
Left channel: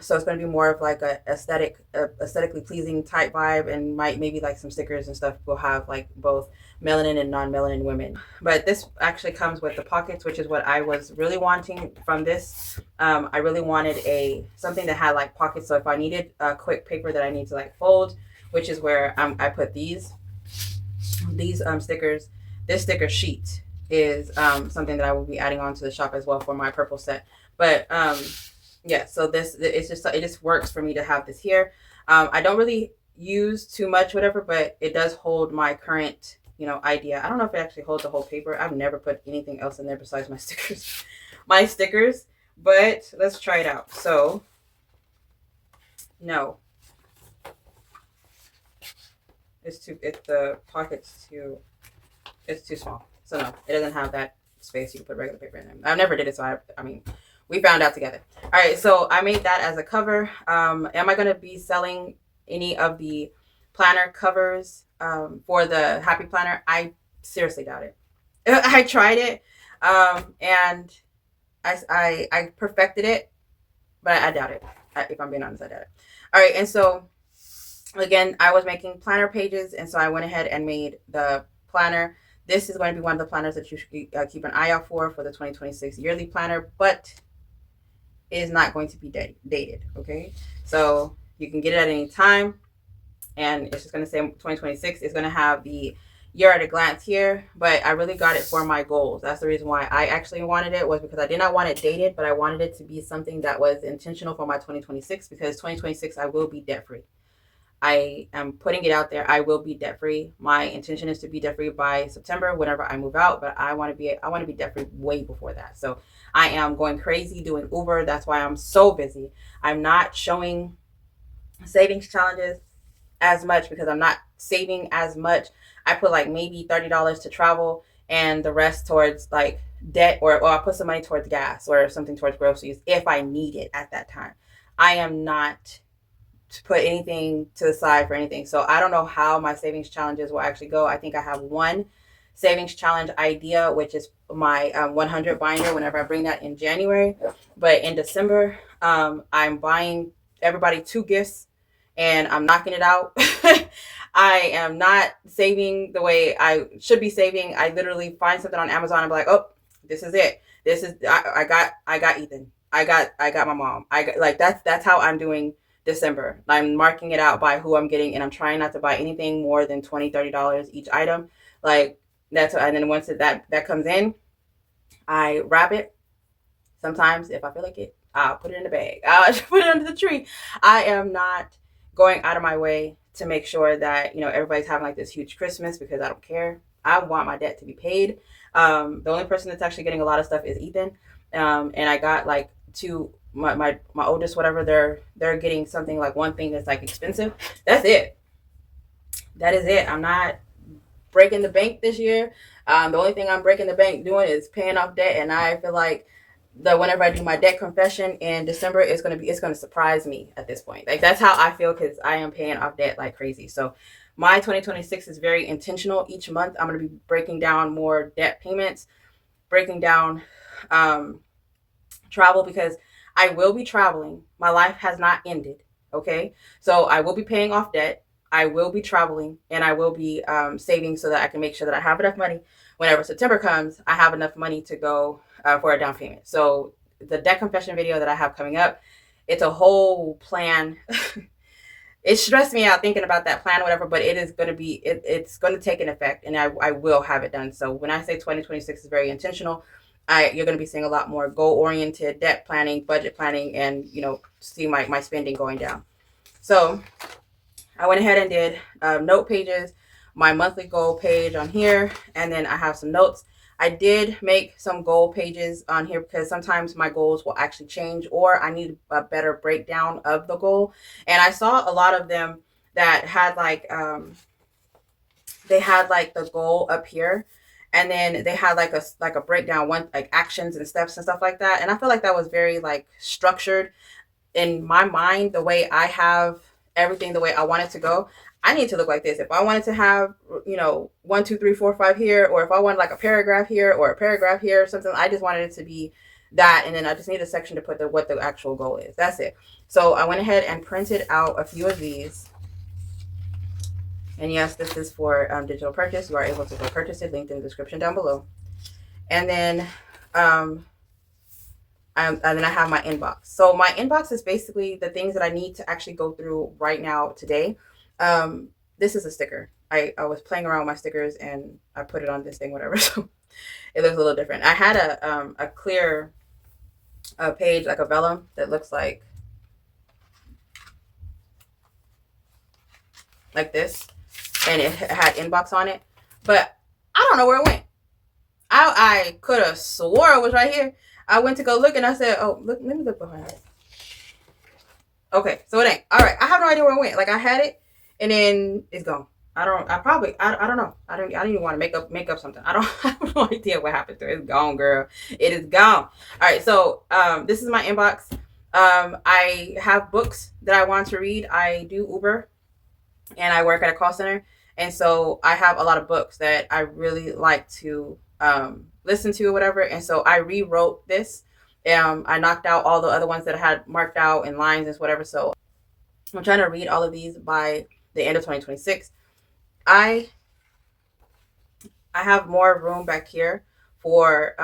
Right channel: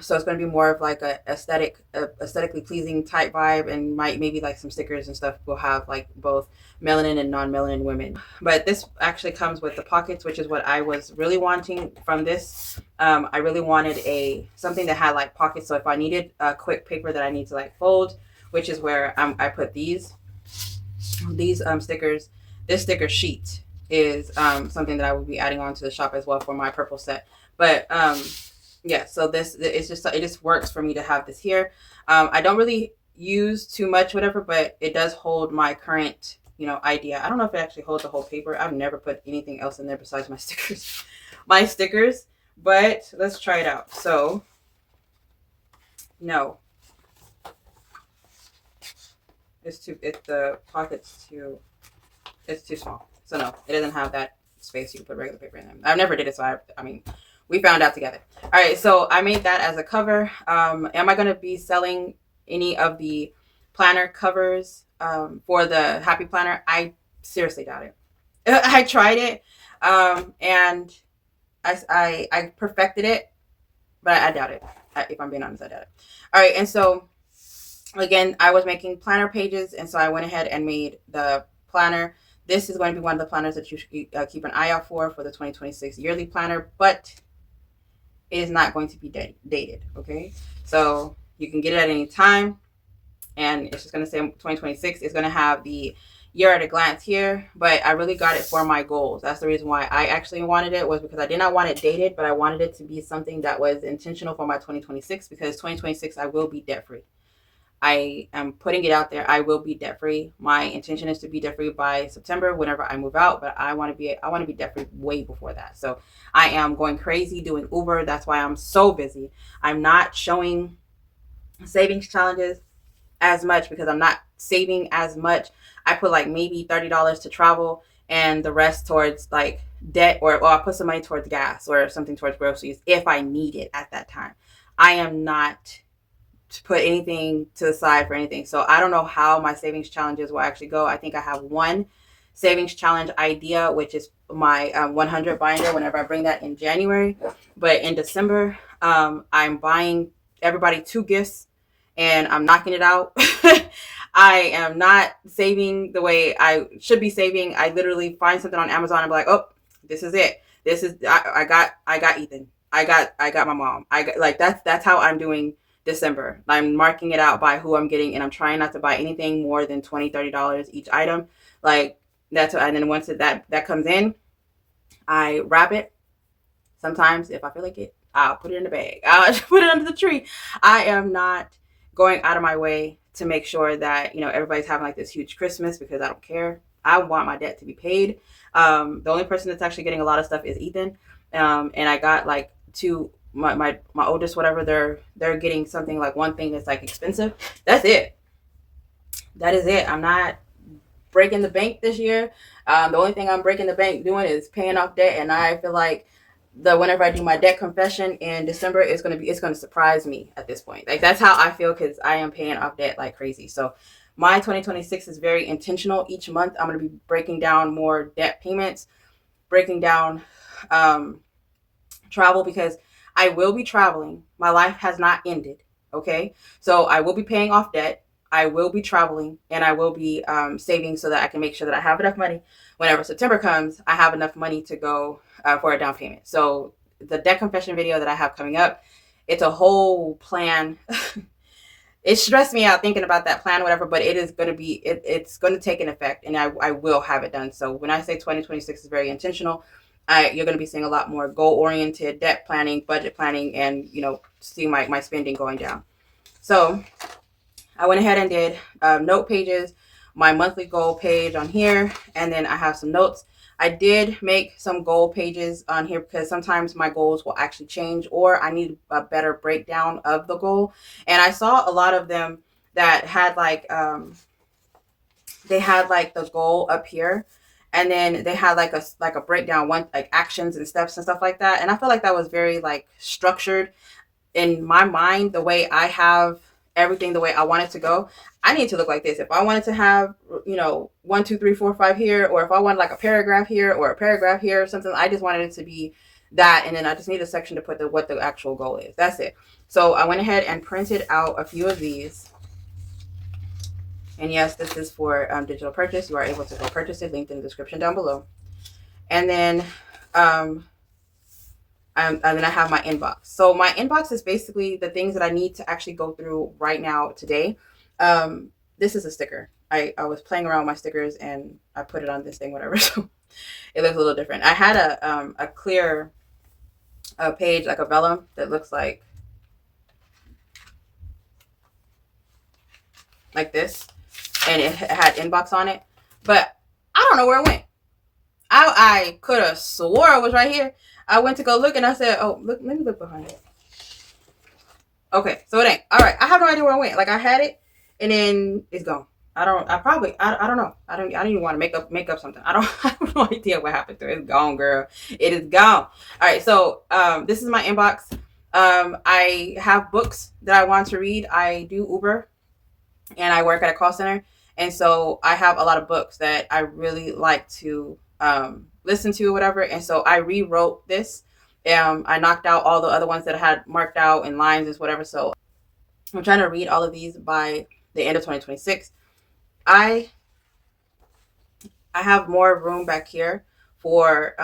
So it's going to be more of like a aesthetically pleasing type vibe, and maybe like some stickers and stuff will have like both melanin and non-melanin women. But this actually comes with the pockets, which is what I was really wanting from this. I really wanted something that had like pockets. So if I needed a quick paper that I need to like fold, which is where I put these stickers. This sticker sheet is something that I will be adding on to the shop as well for my purple set. But yeah, so it just works for me to have this here. I don't really use too much, whatever, but it does hold my current, idea. I don't know if it actually holds the whole paper. I've never put anything else in there besides my stickers, but let's try it out. So no, the pocket's it's too small. So no, it doesn't have that space. You can put regular paper in there. I've never did it, so I mean, we found out together. All right, so I made that as a cover. Am I going to be selling any of the planner covers for the Happy Planner? I seriously doubt it. I tried it, and I perfected it, but I doubt it. If I'm being honest, I doubt it. All right, and so again, I was making planner pages, and so I went ahead and made the planner. This is going to be one of the planners that you should keep an eye out for the 2026 yearly planner, but it is not going to be dated, okay? So you can get it at any time, and it's just going to say 2026. It's going to have the year at a glance here, but I really got it for my goals. That's the reason why I actually wanted it, was because I did not want it dated, but I wanted it to be something that was intentional for my 2026, because 2026 I will be debt free. I am putting it out there. I will be debt free. My intention is to be debt free by September, whenever I move out. But I want to be debt free way before that. So I am going crazy doing Uber. That's why I'm so busy. I'm not showing savings challenges as much because I'm not saving as much. I put like maybe $30 to travel and the rest towards like debt, or I put some money towards gas or something towards groceries if I need it at that time. I am not to put anything to the side for anything. So I don't know how my savings challenges will actually go. I think I have one savings challenge idea, which is my 100 binder whenever I bring that in January. But in December, I'm buying everybody 2 gifts and I'm knocking it out. I am not saving the way I should be saving. I literally find something on Amazon and be like, oh, this is it. This is I got Ethan. I got my mom. I got, like that's how I'm doing December. I'm marking it out by who I'm getting, and I'm trying not to buy anything more than $20-$30 each item. Like that's what, and then once that comes in, I wrap it. Sometimes if I feel like it, I'll put it in the bag. I'll put it under the tree. I am not going out of my way to make sure that, you know, everybody's having like this huge Christmas, because I don't care. I want my debt to be paid. The only person that's actually getting a lot of stuff is Ethan. And I got like my oldest, whatever, they're getting something, like one thing that's like expensive. That's it. That is it. I'm not breaking the bank this year. The only thing I'm breaking the bank doing is paying off debt, and I feel like whenever I do my debt confession in December, it's gonna surprise me at this point. Like that's how I feel, because I am paying off debt like crazy. So my 2026 is very intentional. Each month I'm gonna be breaking down more debt payments, breaking down travel, because I will be traveling. My life has not ended. Okay, so I will be paying off debt. I will be traveling, and I will be saving so that I can make sure that I have enough money whenever September comes. I have enough money to go for a down payment. So the debt confession video that I have coming up, it's a whole plan. It stressed me out thinking about that plan, whatever, but it is going to be, it's going to take an effect, and I will have it done. So when I say 2026 is very intentional, you're going to be seeing a lot more goal-oriented debt planning, budget planning, and, you know, see my spending going down. So I went ahead and did note pages, my monthly goal page on here, and then I have some notes. I did make some goal pages on here because sometimes my goals will actually change, or I need a better breakdown of the goal. And I saw a lot of them that had like, they had like the goal up here, and then they had like a breakdown, one like actions and steps and stuff like that. And I feel like that was very like structured in my mind, the way I have everything the way I want it to go. I need to look like this. If I wanted to have, you know, 1, 2, 3, 4, 5 here, or if I wanted like a paragraph here or a paragraph here or something, I just wanted it to be that. And then I just need a section to put what the actual goal is. That's it. So I went ahead and printed out a few of these. And yes, this is for digital purchase. You are able to go purchase it, linked in the description down below. And then and then I have my inbox. So my inbox is basically the things that I need to actually go through right now today. This is a sticker. I was playing around with my stickers and I put it on this thing, whatever. So it looks a little different. I had a clear page, like a vellum, that looks like this, and it had inbox on it, but I don't know where it went. I could have swore it was right here. I went to go look and I said, oh, look, let me look behind it. Okay, so it ain't. All right, I have no idea where it went. Like I had it and then it's gone. I don't know. I don't even want to make up something. I have no idea what happened to it. It's gone, girl. It is gone. All right, so this is my inbox. I have books that I want to read. I do Uber and I work at a call center. And so I have a lot of books that I really like to listen to or whatever. And so I rewrote this. I knocked out all the other ones that I had marked out in lines and whatever. So I'm trying to read all of these by the end of 2026. I have more room back here for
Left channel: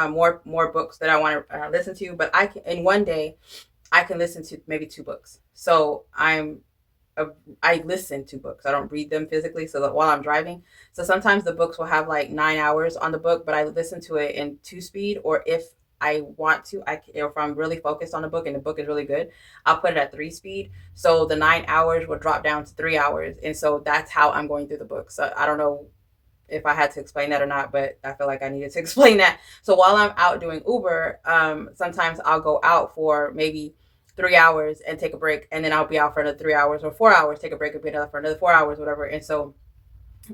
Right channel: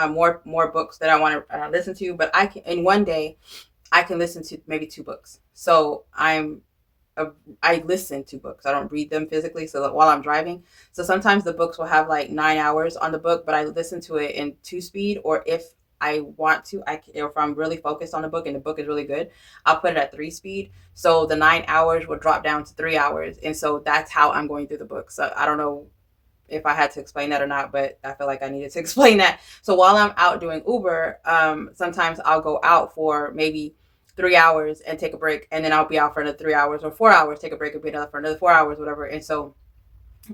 more books that I want to listen to, but I can, in one day I can listen to maybe 2 books. So I'm I listen to books. I don't read them physically. So that while I'm driving, so sometimes the books will have like 9 hours on the book, but I listen to it in 2 speed. Or if I want to, if I'm really focused on the book and the book is really good, I'll put it at 3 speed. So the 9 hours will drop down to 3 hours, and so that's how I'm going through the book. So I don't know if I had to explain that or not, but I feel like I needed to explain that. So while I'm out doing Uber, sometimes I'll go out for maybe 3 hours and take a break, and then I'll be out for another 3 hours or 4 hours, take a break and be out for another 4 hours, whatever. And so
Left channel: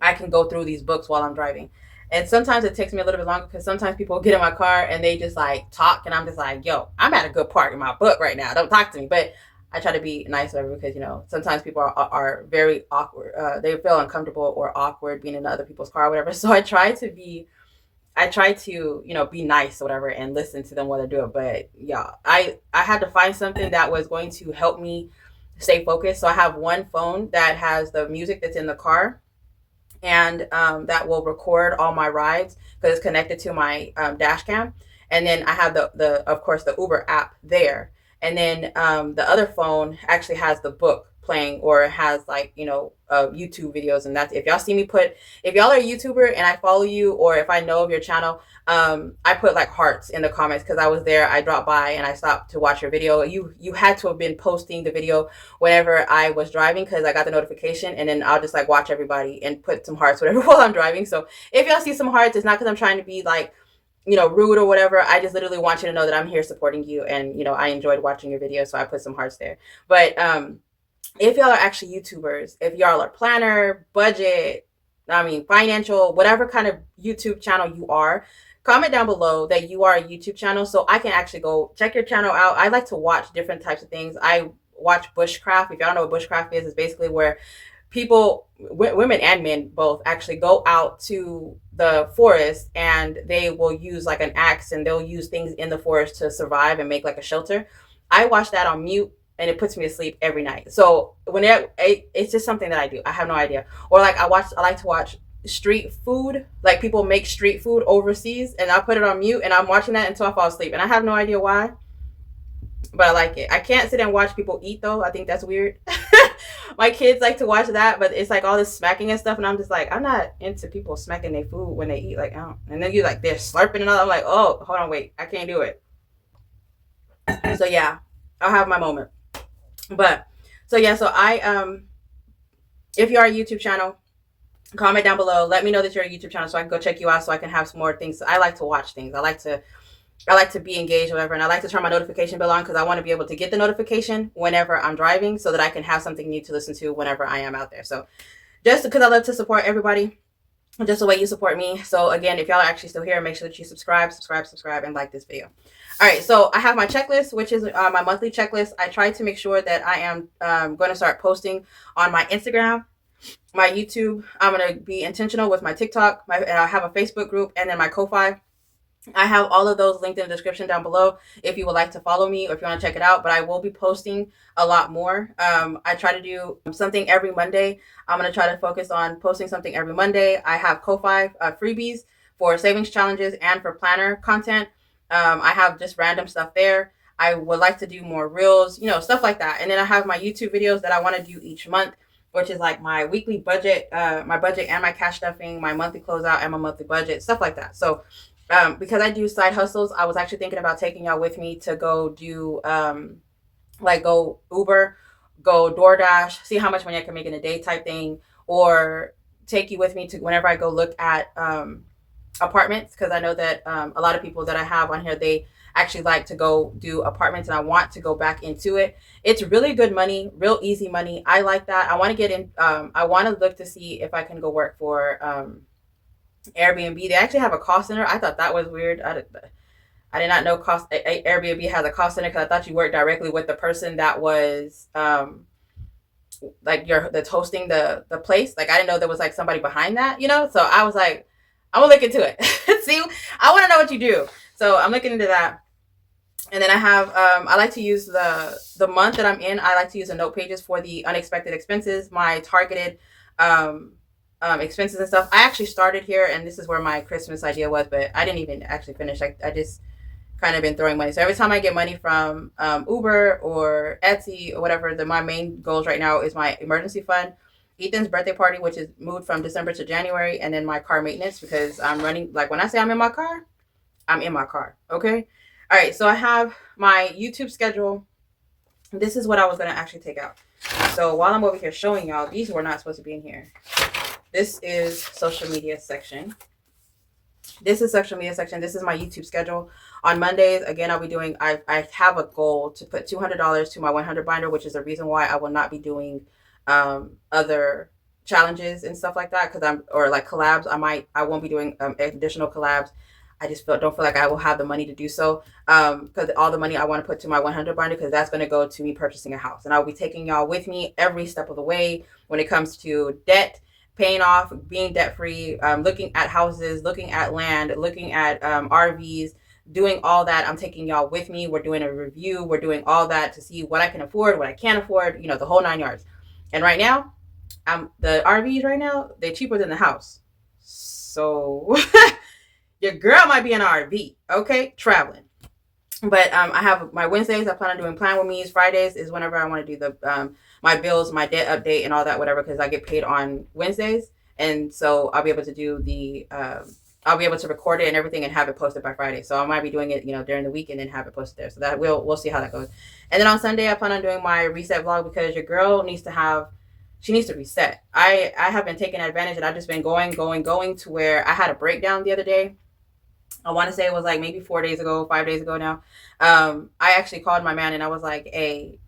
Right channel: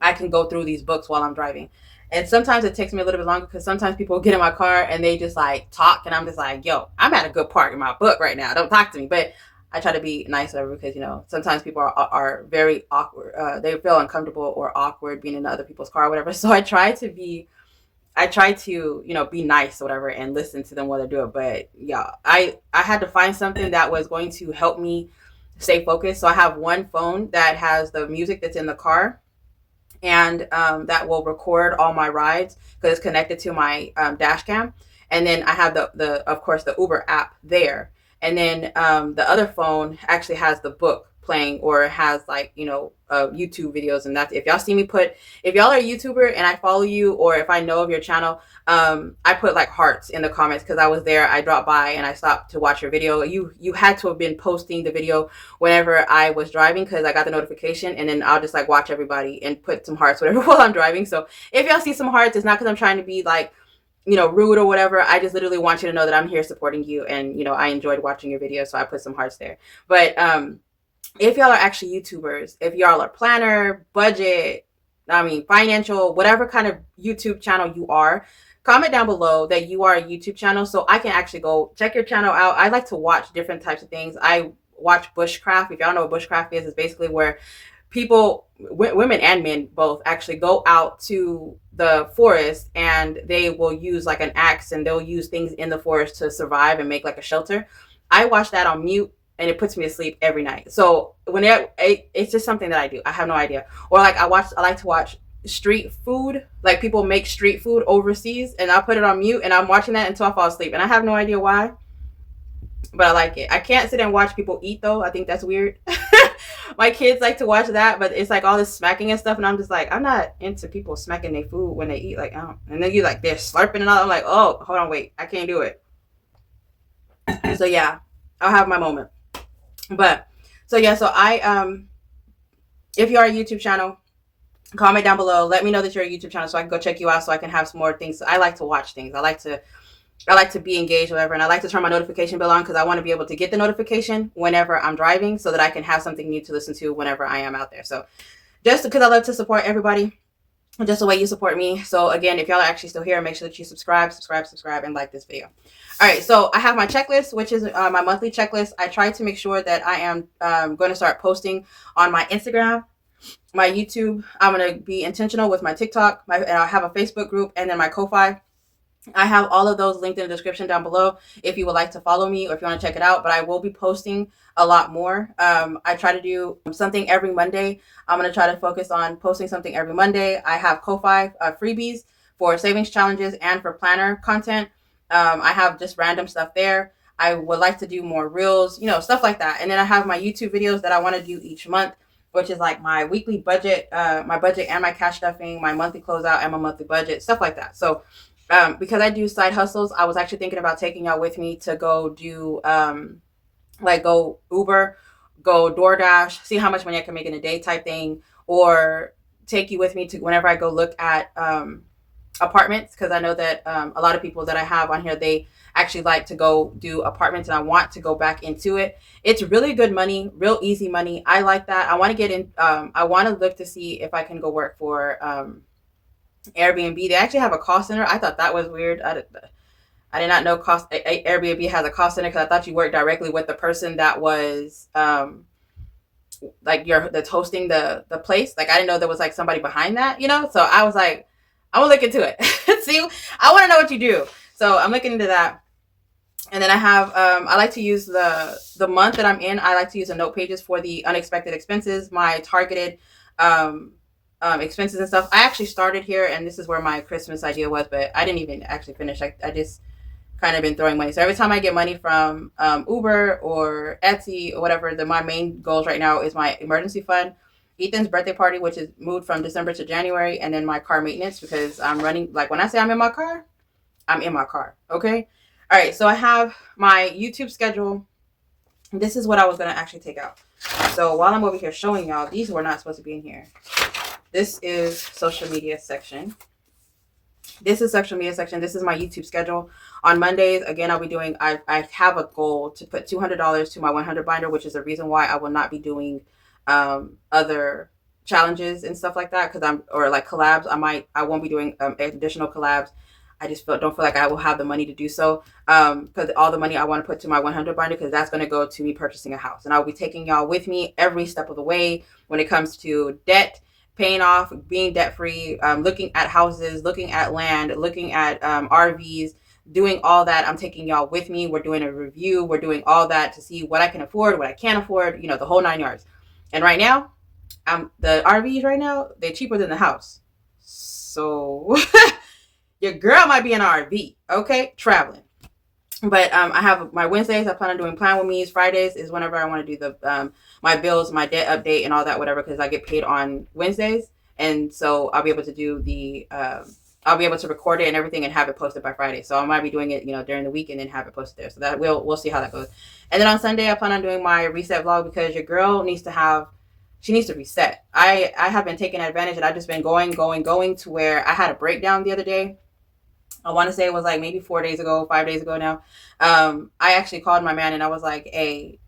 I can go through these books while I'm driving. And sometimes it takes me a little bit longer because sometimes people get in my car and they just like talk, and I'm just like, yo, I'm at a good part in my book right now. Don't talk to me. But I try to be nice because, sometimes people are very awkward. They feel uncomfortable or awkward being in other people's car or whatever. So I try to, be nice or whatever and listen to them while they do it. But yeah, I had to find something that was going to help me stay focused. So I have one phone that has the music that's in the car, and that will record all my rides because it's connected to my dash cam. And then I have the of course the Uber app there. And then the other phone actually has the book playing, or has like YouTube videos. And that's, if y'all are a YouTuber and I follow you, or if I know of your channel, I put like hearts in the comments because I was there. I dropped by and I stopped to watch your video. You had to have been posting the video whenever I was driving, because I got the notification, and then I'll just like watch everybody and put some hearts whatever while I'm driving. So if y'all see some hearts, it's not because I'm trying to be like rude or whatever. I just literally want you to know that I'm here supporting you, and I enjoyed watching your video, so I put some hearts there. But if y'all are actually YouTubers, if y'all are planner, budget, financial, whatever kind of YouTube channel you are, comment down below that you are a YouTube channel so I can actually go check your channel out. I like to watch different types of things. I watch bushcraft. If y'all know what bushcraft is, it's basically where people, women and men both, actually go out to the forest, and they will use like an axe, and they'll use things in the forest to survive and make like a shelter. I watch that on mute, and it puts me to sleep every night. So it's just something that I do. I have no idea. Or like I like to watch street food, like people make street food overseas, and I'll put it on mute and I'm watching that until I fall asleep, and I have no idea why, but I like it. I can't sit and watch people eat though. I think that's weird. My kids like to watch that, but it's like all this smacking and stuff, and I'm just like, I'm not into people smacking their food when they eat. Like, I don't. And then you like they're slurping and all. I'm like, oh, hold on, wait, I can't do it. So yeah, I'll have my moment. But so yeah, so if you are a YouTube channel, comment down below. Let me know that you're a YouTube channel so I can go check you out, so I can have some more things. I like to watch things. I like to be engaged or whatever, and I like to turn my notification bell on because I want to be able to get the notification whenever I'm driving, so that I can have something new to listen to whenever I am out there. So just because I love to support everybody, just the way you support me. So again, if y'all are actually still here, make sure that you subscribe, and like this video. All right, so I have my checklist, which is my monthly checklist. I try to make sure that I am going to start posting on my Instagram, my YouTube. I'm going to be intentional with my TikTok. I have a Facebook group, and then my Ko-Fi. I have all of those linked in the description down below if you would like to follow me or if you want to check it out. But I will be posting a lot more. I try to do something every Monday. I'm going to try to focus on posting something every Monday. I have Ko-Fi freebies for savings challenges and for planner content. I have just random stuff there. I would like to do more reels, stuff like that. And then I have my YouTube videos that I want to do each month, which is like my weekly budget, my budget and my cash stuffing, my monthly closeout and my monthly budget, stuff like that. So because I do side hustles, I was actually thinking about taking y'all with me to go do go Uber, go DoorDash, see how much money I can make in a day type thing, or take you with me to whenever I go look at apartments, because I know that a lot of people that I have on here, they actually like to go do apartments, and I want to go back into it. It's really good money, real easy money. I like that. I want to get in. I want to look to see if I can go work for Airbnb. They actually have a call center. I thought that was weird. I did not know Airbnb has a call center, because I thought you worked directly with the person that was that's hosting the place. Like I didn't know there was like somebody behind that, So I was like, I'm gonna look into it. See, I want to know what you do. So I'm looking into that. And then I have I like to use the month that I'm in. I like to use the note pages for the unexpected expenses, my targeted expenses and stuff. I actually started here, and this is where my Christmas idea was, but I didn't even actually finish. I just kind of been throwing money. So every time I get money from Uber or Etsy or whatever, my main goals right now is my emergency fund, Ethan's birthday party, which is moved from December to January, and then my car maintenance, because I'm running, like when I say I'm in my car, I'm in my car. Okay. All right. So I have my YouTube schedule. This is what I was going to actually take out. So while I'm over here showing y'all, these were not supposed to be in here. This is social media section. This is social media section. This is my YouTube schedule. On Mondays, again, I'll be doing, I have a goal to put $200 to my 100 binder, which is the reason why I will not be doing other challenges and stuff like that, because or like collabs. I won't be doing additional collabs. I just don't feel like I will have the money to do so, because all the money I want to put to my 100 binder, because that's going to go to me purchasing a house. And I'll be taking y'all with me every step of the way when it comes to debt, paying off, being debt free, looking at houses, looking at land, looking at RVs, doing all that. I'm taking y'all with me. We're doing a review. We're doing all that to see what I can afford, what I can't afford, the whole 9 yards. And right now, the RVs right now, they're cheaper than the house. So your girl might be in an RV, okay, traveling. But I have my Wednesdays. I plan on doing plan with me's. Fridays is whenever I want to do the my bills, my debt update, and all that, whatever, because I get paid on Wednesdays, and so I'll be able to do the I'll be able to record it and everything and have it posted by Friday. So I might be doing it, during the week and then have it posted there. So that we'll see how that goes. And then on Sunday, I plan on doing my reset vlog, because your girl needs to reset. I have been taking advantage, and I've just been going to where I had a breakdown the other day. I want to say it was like maybe 5 days ago now. I actually called my man and I was like, hey,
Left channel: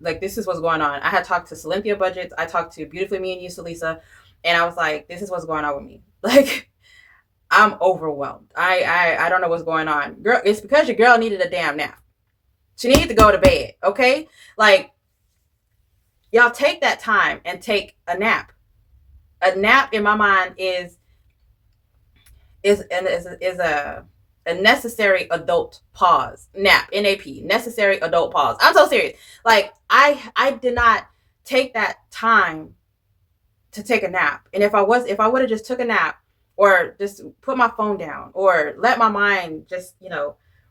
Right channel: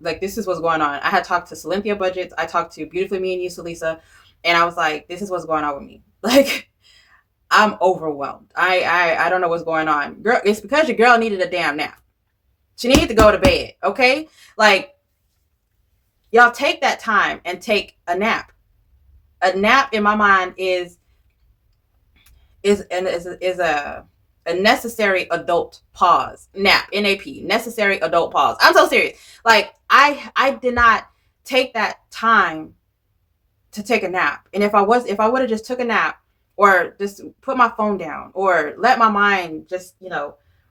this is what's going on. I had talked to SnC Budgets. I talked to Beautifully Me and You, Salisa, and I was like, this is what's going on with me. Like, I'm overwhelmed. I don't know what's going on. Girl, it's because your girl needed a damn nap. She needed to go to bed, okay? Like, y'all take that time and take a nap. A nap in my mind is a necessary adult pause. Nap, N-A-P, necessary adult pause. I'm so serious. Like, I did not take that time to take a nap. And if I would have just took a nap, or just put my phone down, or let my mind just,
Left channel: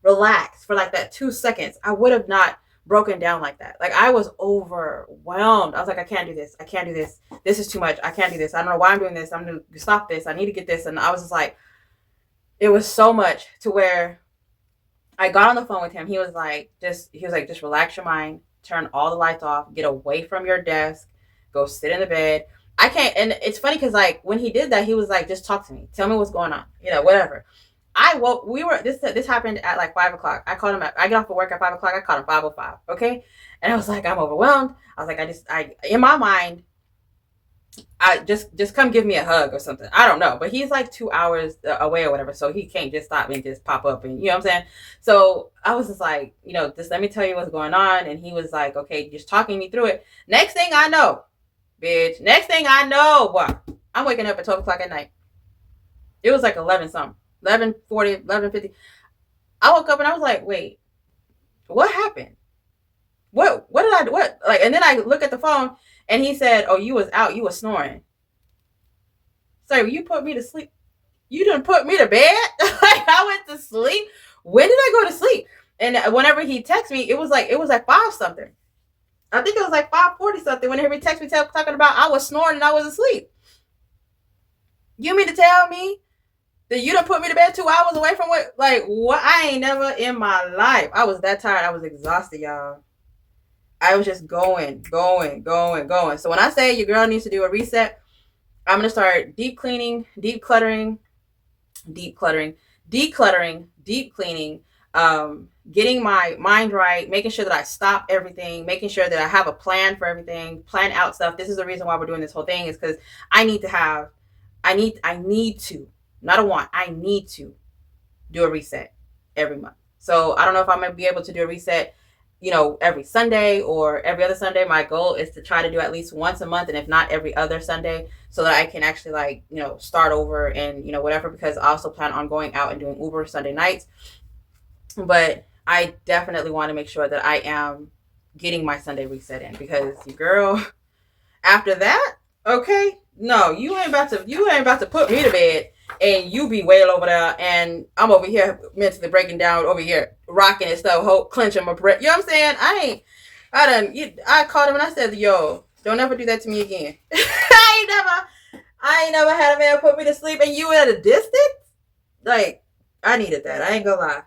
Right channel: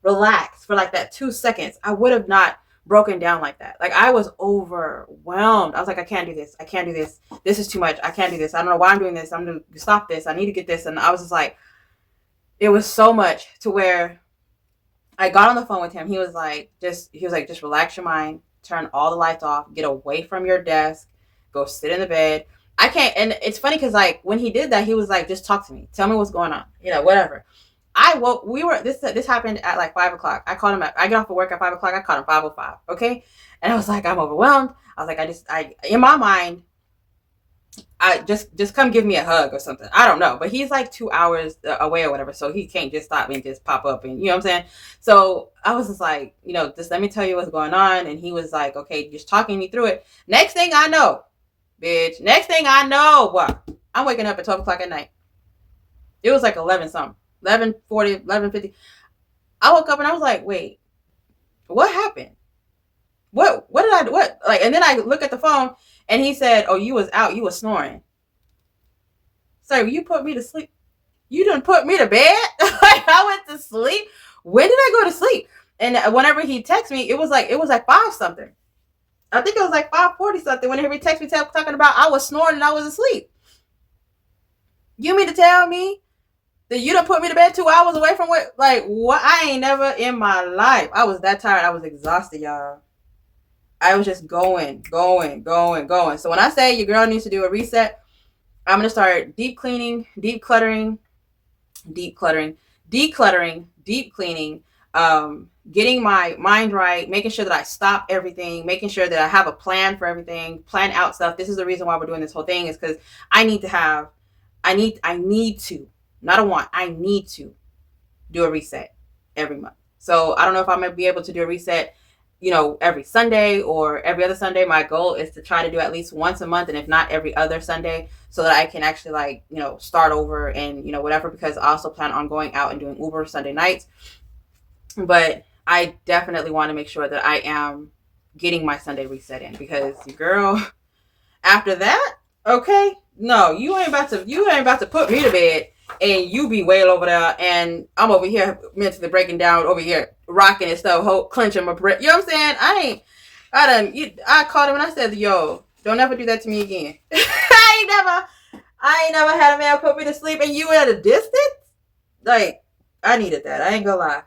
relax for like that 2 seconds, I would have not broken down like that. Like, I was overwhelmed. I was like, I can't do this. I can't do this. This is too much. I can't do this. I don't know why I'm doing this. I'm going to stop this. I need to get this. And I was just like, it was so much to where I got on the phone with him. He was like, just relax your mind, turn all the lights off, get away from your desk, go sit in the bed. I can't. And it's funny because, like, when he did that, he was like, just talk to me. Tell me what's going on. Whatever. This happened at like 5 o'clock. I called him I get off of work at 5 o'clock. I called him 5:05. Okay. And I was like, I'm overwhelmed. I was like, in my mind, I just come give me a hug or something. I don't know. But he's like 2 hours away or whatever. So he can't just stop me and just pop up and, you know what I'm saying? So I was just like, just let me tell you what's going on. And he was like, okay, just talking me through it. Next thing I know, bitch, what? I'm waking up at 12 o'clock at night. It was like 11 something, 11:40, 11:50. I woke up and I was like, wait, what happened? What did I do? What? Like, and then I look at the phone and he said, oh, you was out. You was snoring. So you put me to sleep. You didn't put me to bed. Like, I went to sleep. When did I go to sleep? And whenever he texted me, it was like 5 something. I think it was like 5:40 something. Whenever he texted me talking about I was snoring and I was asleep. You mean to tell me that you done put me to bed 2 hours away from what? Like, what? I ain't never in my life. I was that tired. I was exhausted, y'all. I was just going. So when I say your girl needs to do a reset, I'm going to start deep cleaning, deep cleaning, getting my mind right, making sure that I stop everything, making sure that I have a plan for everything, plan out stuff. This is the reason why we're doing this whole thing, is because I need to, not a want, I need to do a reset every month. So I don't know if I'm going to be able to do a reset, every Sunday or every other Sunday. My goal is to try to do at least once a month, and if not every other Sunday, so that I can actually start over and, whatever, because I also plan on going out and doing Uber Sunday nights. But I definitely want to make sure that I am getting my Sunday reset in, because girl, after that, okay, no, you ain't about to put me to bed and you be way over there, and I'm over here mentally breaking down, over here rocking and stuff, clenching my breath. You know what I'm saying? I called him and I said, yo, don't ever do that to me again. I ain't never had a man put me to sleep and you at a distance. Like, I needed that. I ain't gonna lie.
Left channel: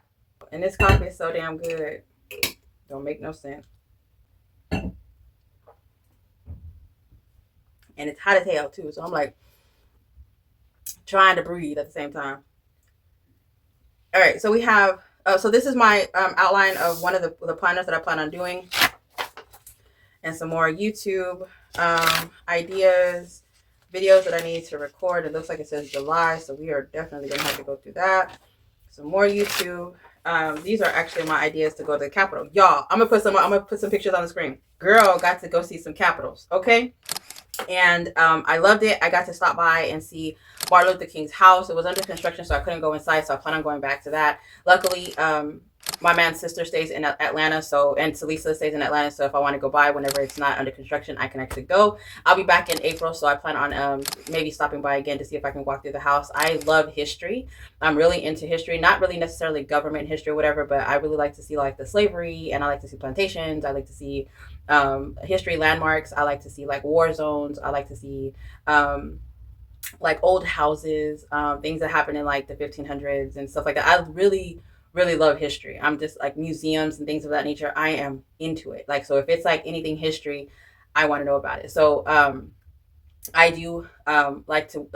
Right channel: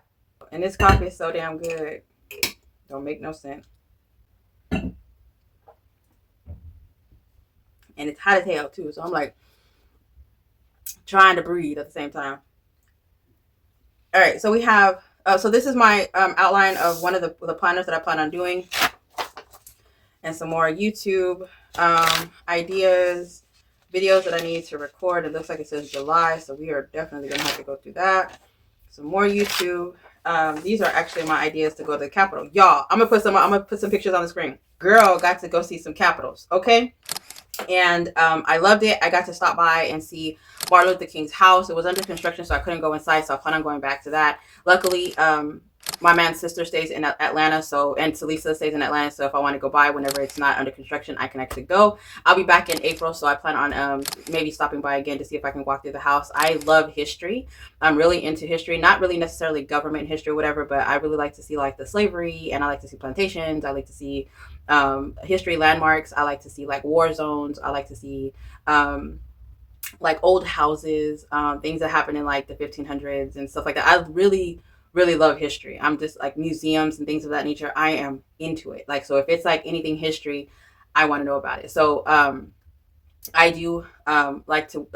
And this coffee is so damn good. Don't make no sense. And it's hot as hell too. So I'm like trying to breathe at the same time. All right, so we have. So this is my outline of one of the planners that I plan on doing, and some more YouTube ideas, videos that I need to record. It looks like it says July, so we are definitely gonna have to go through that. Some more YouTube. These are actually my ideas to go to the Capitol. Y'all, I'm gonna put some pictures on the screen. Girl got to go see some Capitals, okay? And I loved it. I got to stop by and see Martin Luther King's house. It was under construction, so I couldn't go inside, so I plan on going back to that. Luckily, my man's sister stays in Atlanta, and Talisa stays in Atlanta, so if I want to go by whenever it's not under construction, I can actually go. I'll be back in April, so I plan on maybe stopping by again to see if I can walk through the house. I love history. I'm really into history, not really necessarily government history or whatever, but I really like to see like the slavery, and I like to see plantations. I like to see history landmarks. I like to see like war zones. I like to see like old houses, things that happened in like the 1500s and stuff like that. I really love history. I'm just like museums and things of that nature. I am into it. Like, so if it's like anything history, I want to know about it. So I do like to,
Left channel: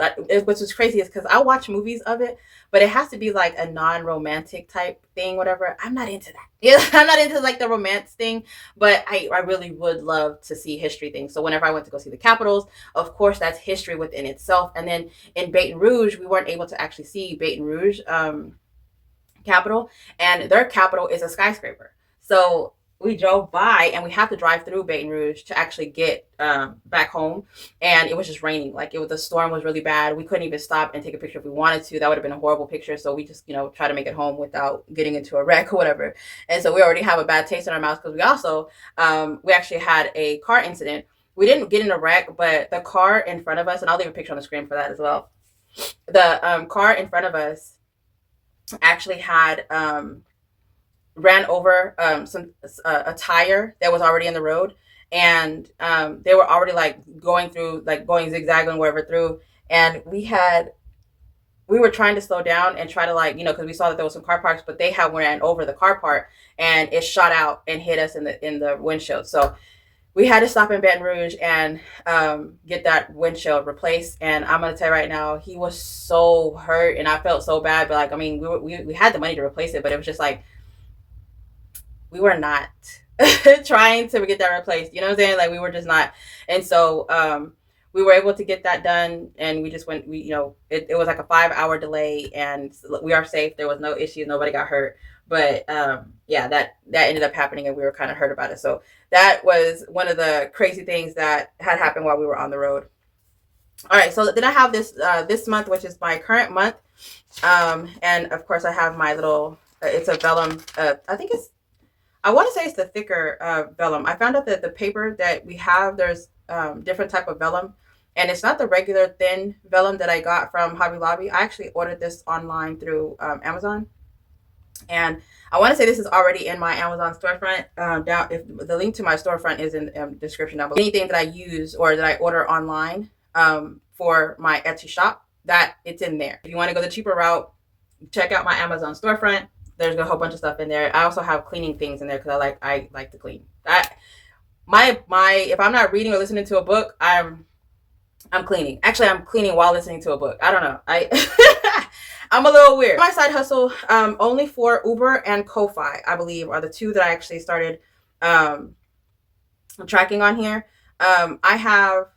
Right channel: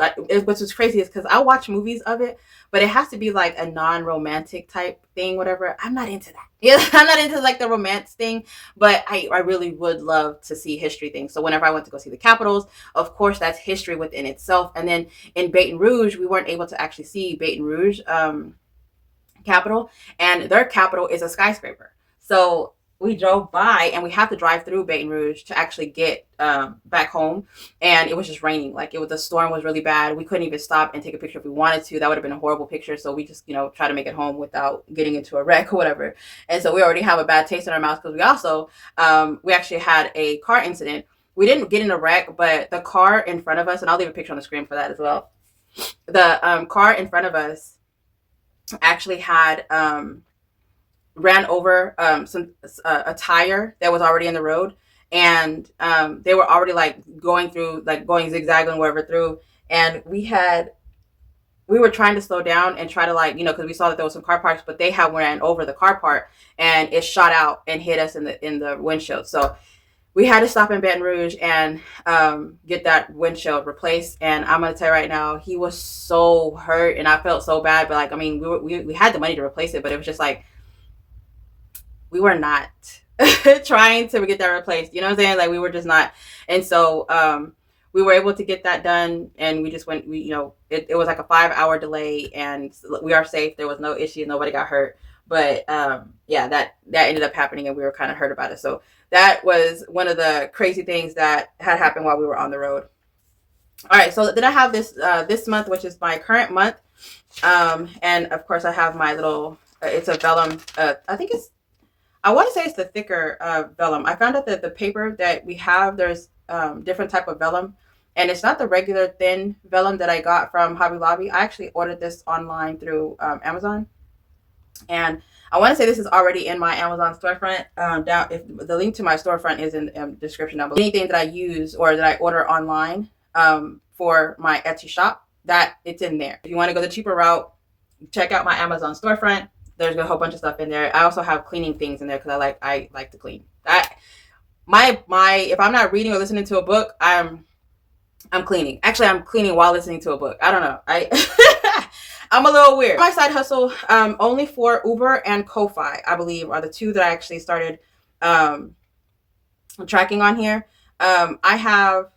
which is crazy is because I watch movies of it, but it has to be like a non-romantic type thing, whatever. I'm not into that. Yeah, I'm not into like the romance thing, but I really would love to see history things. So whenever I went to go see the Capitals, of course, that's history within itself. And then in Baton Rouge, we weren't able to actually see Baton Rouge Capitol, and their Capitol is a skyscraper. So we drove by, and we had to drive through Baton Rouge to actually get back home, and it was just raining. Like, the storm was really bad. We couldn't even stop and take a picture if we wanted to. That would have been a horrible picture. So we just try to make it home without getting into a wreck or whatever. And so we already have a bad taste in our mouth, because we also we actually had a car incident. We didn't get in a wreck, but the car in front of us, and I'll leave a picture on the screen for that as well. The car in front of us actually had ran over a tire that was already in the road, and they were already like going zigzagging wherever through, and we were trying to slow down and try to because we saw that there was some car parks, but they had ran over the car part, and it shot out and hit us in the windshield. So we had to stop in Baton Rouge and get that windshield replaced. And I'm gonna tell you right now, he was so hurt, and I felt so bad. But we had the money to replace it, but it was just like we were not trying to get that replaced. You know what I'm saying? Like, we were just not. And so we were able to get that done, and we just went. It was like a 5-hour delay, and we are safe. There was no issues. Nobody got hurt. But yeah, that ended up happening, and we were kind of hurt about it. So that was one of the crazy things that had happened while we were on the road. All right, so then I have this month, which is my current month, and of course I have my little. It's a vellum. I want to say it's the thicker vellum. I found out that the paper that we have, there's different type of vellum, and it's not the regular thin vellum that I got from Hobby Lobby. I actually ordered this online through Amazon. And I want to say this is already in my Amazon storefront. If the link to my storefront is in the description down below. Anything that I use or that I order online for my Etsy shop, that it's in there. If you want to go the cheaper route, check out my Amazon storefront. There's a whole bunch of stuff in there. I also have cleaning things in there because I like to clean. If I'm not reading or listening to a book, I'm cleaning. Actually, I'm cleaning while listening to a book. I don't know. I'm a little weird. My side hustle, only for Uber and Ko-Fi, I believe, are the two that I actually started tracking on here. I have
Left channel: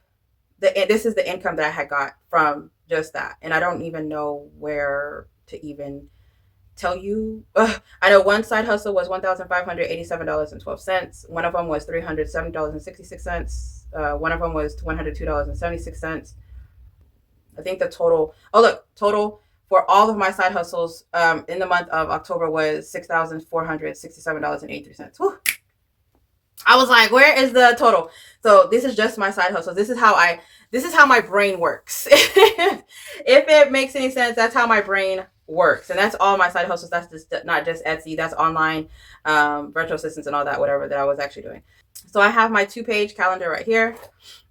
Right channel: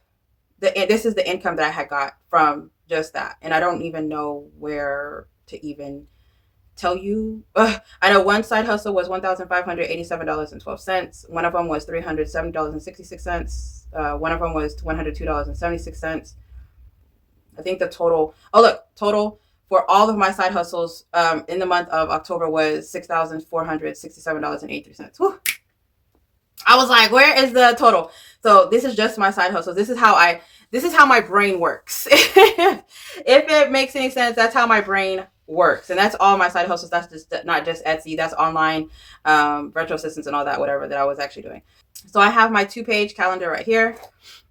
this is the income that I had got from just that, and I don't even know where to even tell you. I know one side hustle was $1,587.12. One of them was $370.66. One of them was $102.76. I think the total. Oh, look, total for all of my side hustles in the month of October was $6,467.83. I was like, where is the total? So this is just my side hustle. This is how my brain works. If it makes any sense, that's how my brain works. And that's all my side hustles. That's just not just Etsy, that's online, virtual assistants and all that, whatever that I was actually doing. So I have my 2-page calendar right here.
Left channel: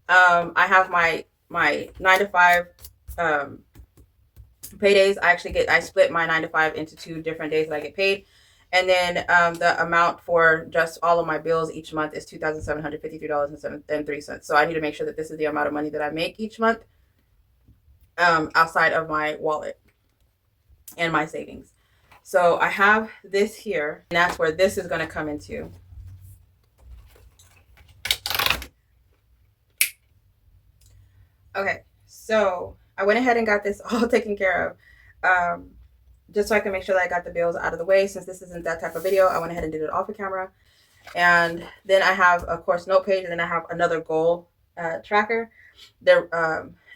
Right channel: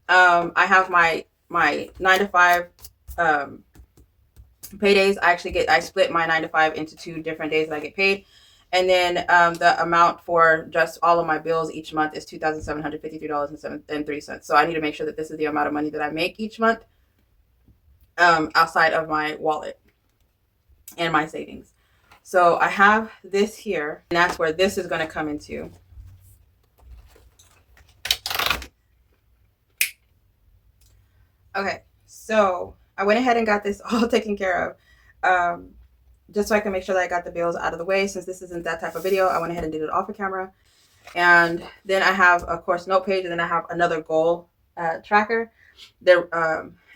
I have my 9 to 5 paydays. I split my 9 to 5 into 2 different days that I get paid. And then the amount for just all of my bills each month is $2,753.03. So I need to make sure that this is the amount of money that I make each month outside of my wallet and my savings. So I have this here, and that's where this is going to come into. Okay, so I went ahead and got this all taken care of. Just so I can make sure that I got the bills out of the way. Since this isn't that type of video, I went ahead and did it off the camera. And then I have, of course, note page, and then I have another goal tracker. There,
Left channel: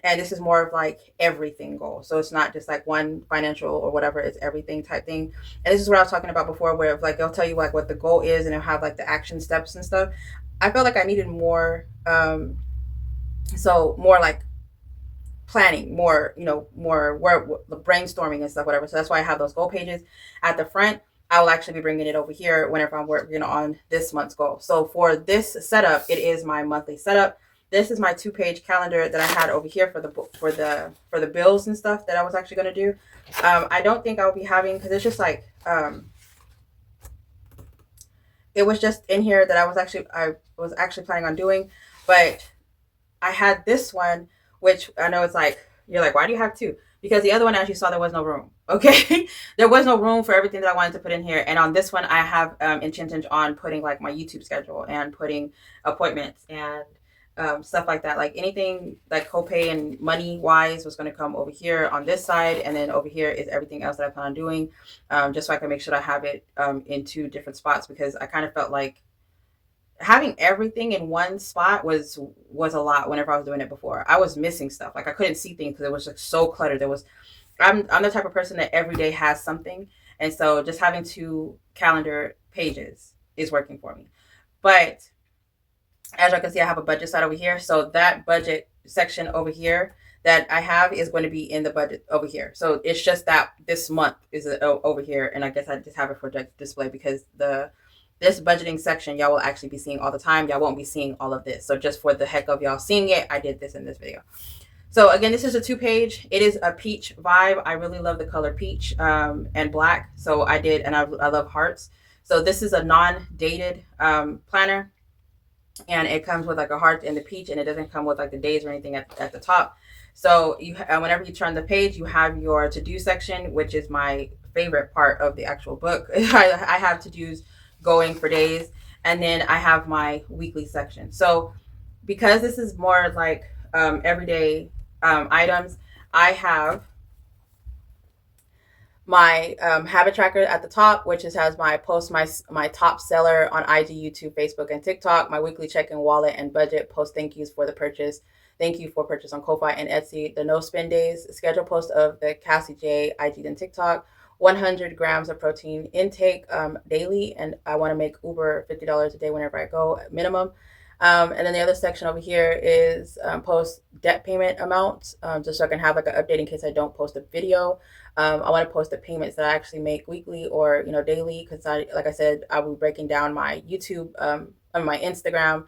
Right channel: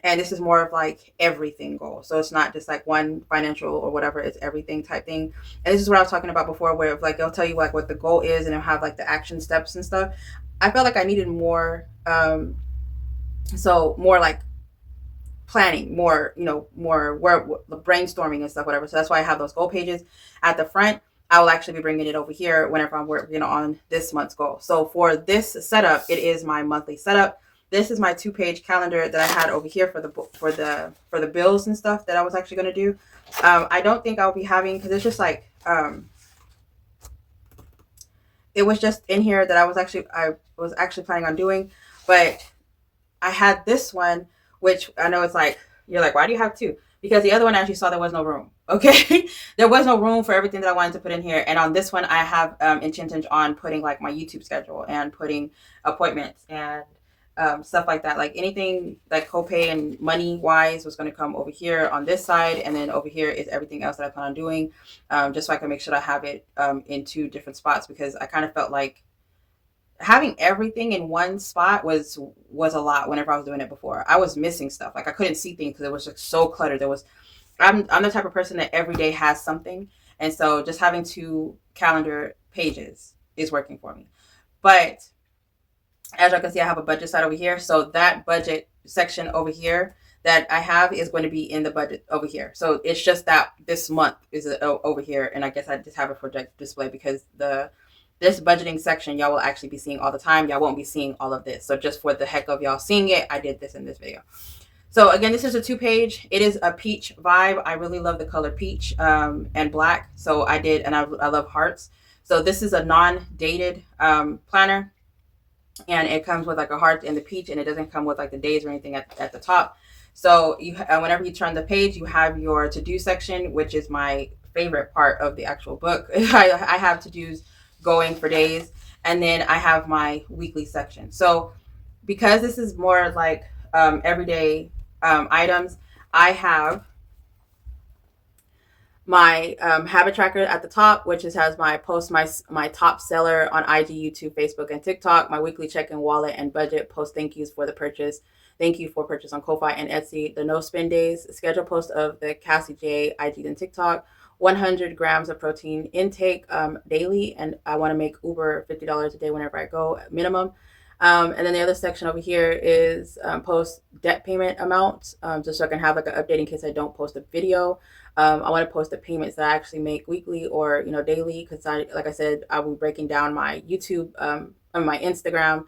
and this is more of like everything goal. So it's not just like one financial or whatever, it's everything type thing. And this is what I was talking about before, where like they'll tell you like what the goal is, and it'll have like the action steps and stuff. I felt like I needed more, so more like planning, more, more the brainstorming and stuff, whatever. So that's why I have those goal pages at the front. I will actually be bringing it over here whenever I'm working on this month's goal. So for this setup, it is my monthly setup. This is my 2-page calendar that I had over here for the bills and stuff that I was actually going to do. I don't think I'll be having, because it's just like it was just in here that I was actually planning on doing, but I had this one, which I know it's like, you're like, why do you have 2? Because the other one, as you saw, there was no room. Okay. There was no room for everything that I wanted to put in here. And on this one, I have intentions on putting like my YouTube schedule and putting appointments and stuff like that. Like anything like copay and money wise was going to come over here on this side. And then over here is everything else that I plan on doing, just so I can make sure I have it in 2 different spots, because I kind of felt like having everything in one spot was a lot. Whenever I was doing it before, I was missing stuff. Like I couldn't see things because it was like so cluttered. I'm the type of person that every day has something, and so just having 2 calendar pages is working for me. But as you can see, I have a budget side over here, so that budget section over here that I have is going to be in the budget over here. So it's just that this month is over here, and I guess I just have it for display because this budgeting section y'all will actually be seeing all the time. Y'all won't be seeing all of this. So just for the heck of y'all seeing it, I did this in this video. So again, this is a 2-page. It is a peach vibe. I really love the color peach and black. So I did, and I love hearts. So this is a non-dated planner, and it comes with like a heart and the peach, and it doesn't come with like the days or anything at the top. So you whenever you turn the page, you have your to-do section, which is my favorite part of the actual book. I have to-dos going for days, and then I have my weekly section. So because this is more like everyday items, I have my habit tracker at the top, which has my post, my top seller on IG, YouTube, Facebook, and TikTok, my weekly check-in, wallet, and budget, post thank yous for the purchase, thank you for purchase on Ko-Fi and Etsy, the no spend days, schedule post of the Cassie J, IG, and TikTok, 100 grams of protein intake daily, and I want to make Uber $50 a day whenever I go minimum. And then the other section over here is post debt payment amounts, just so I can have like an update in case I don't post a video. I want to post the payments that I actually make weekly or daily, because like I said, I will be breaking down my YouTube, my Instagram,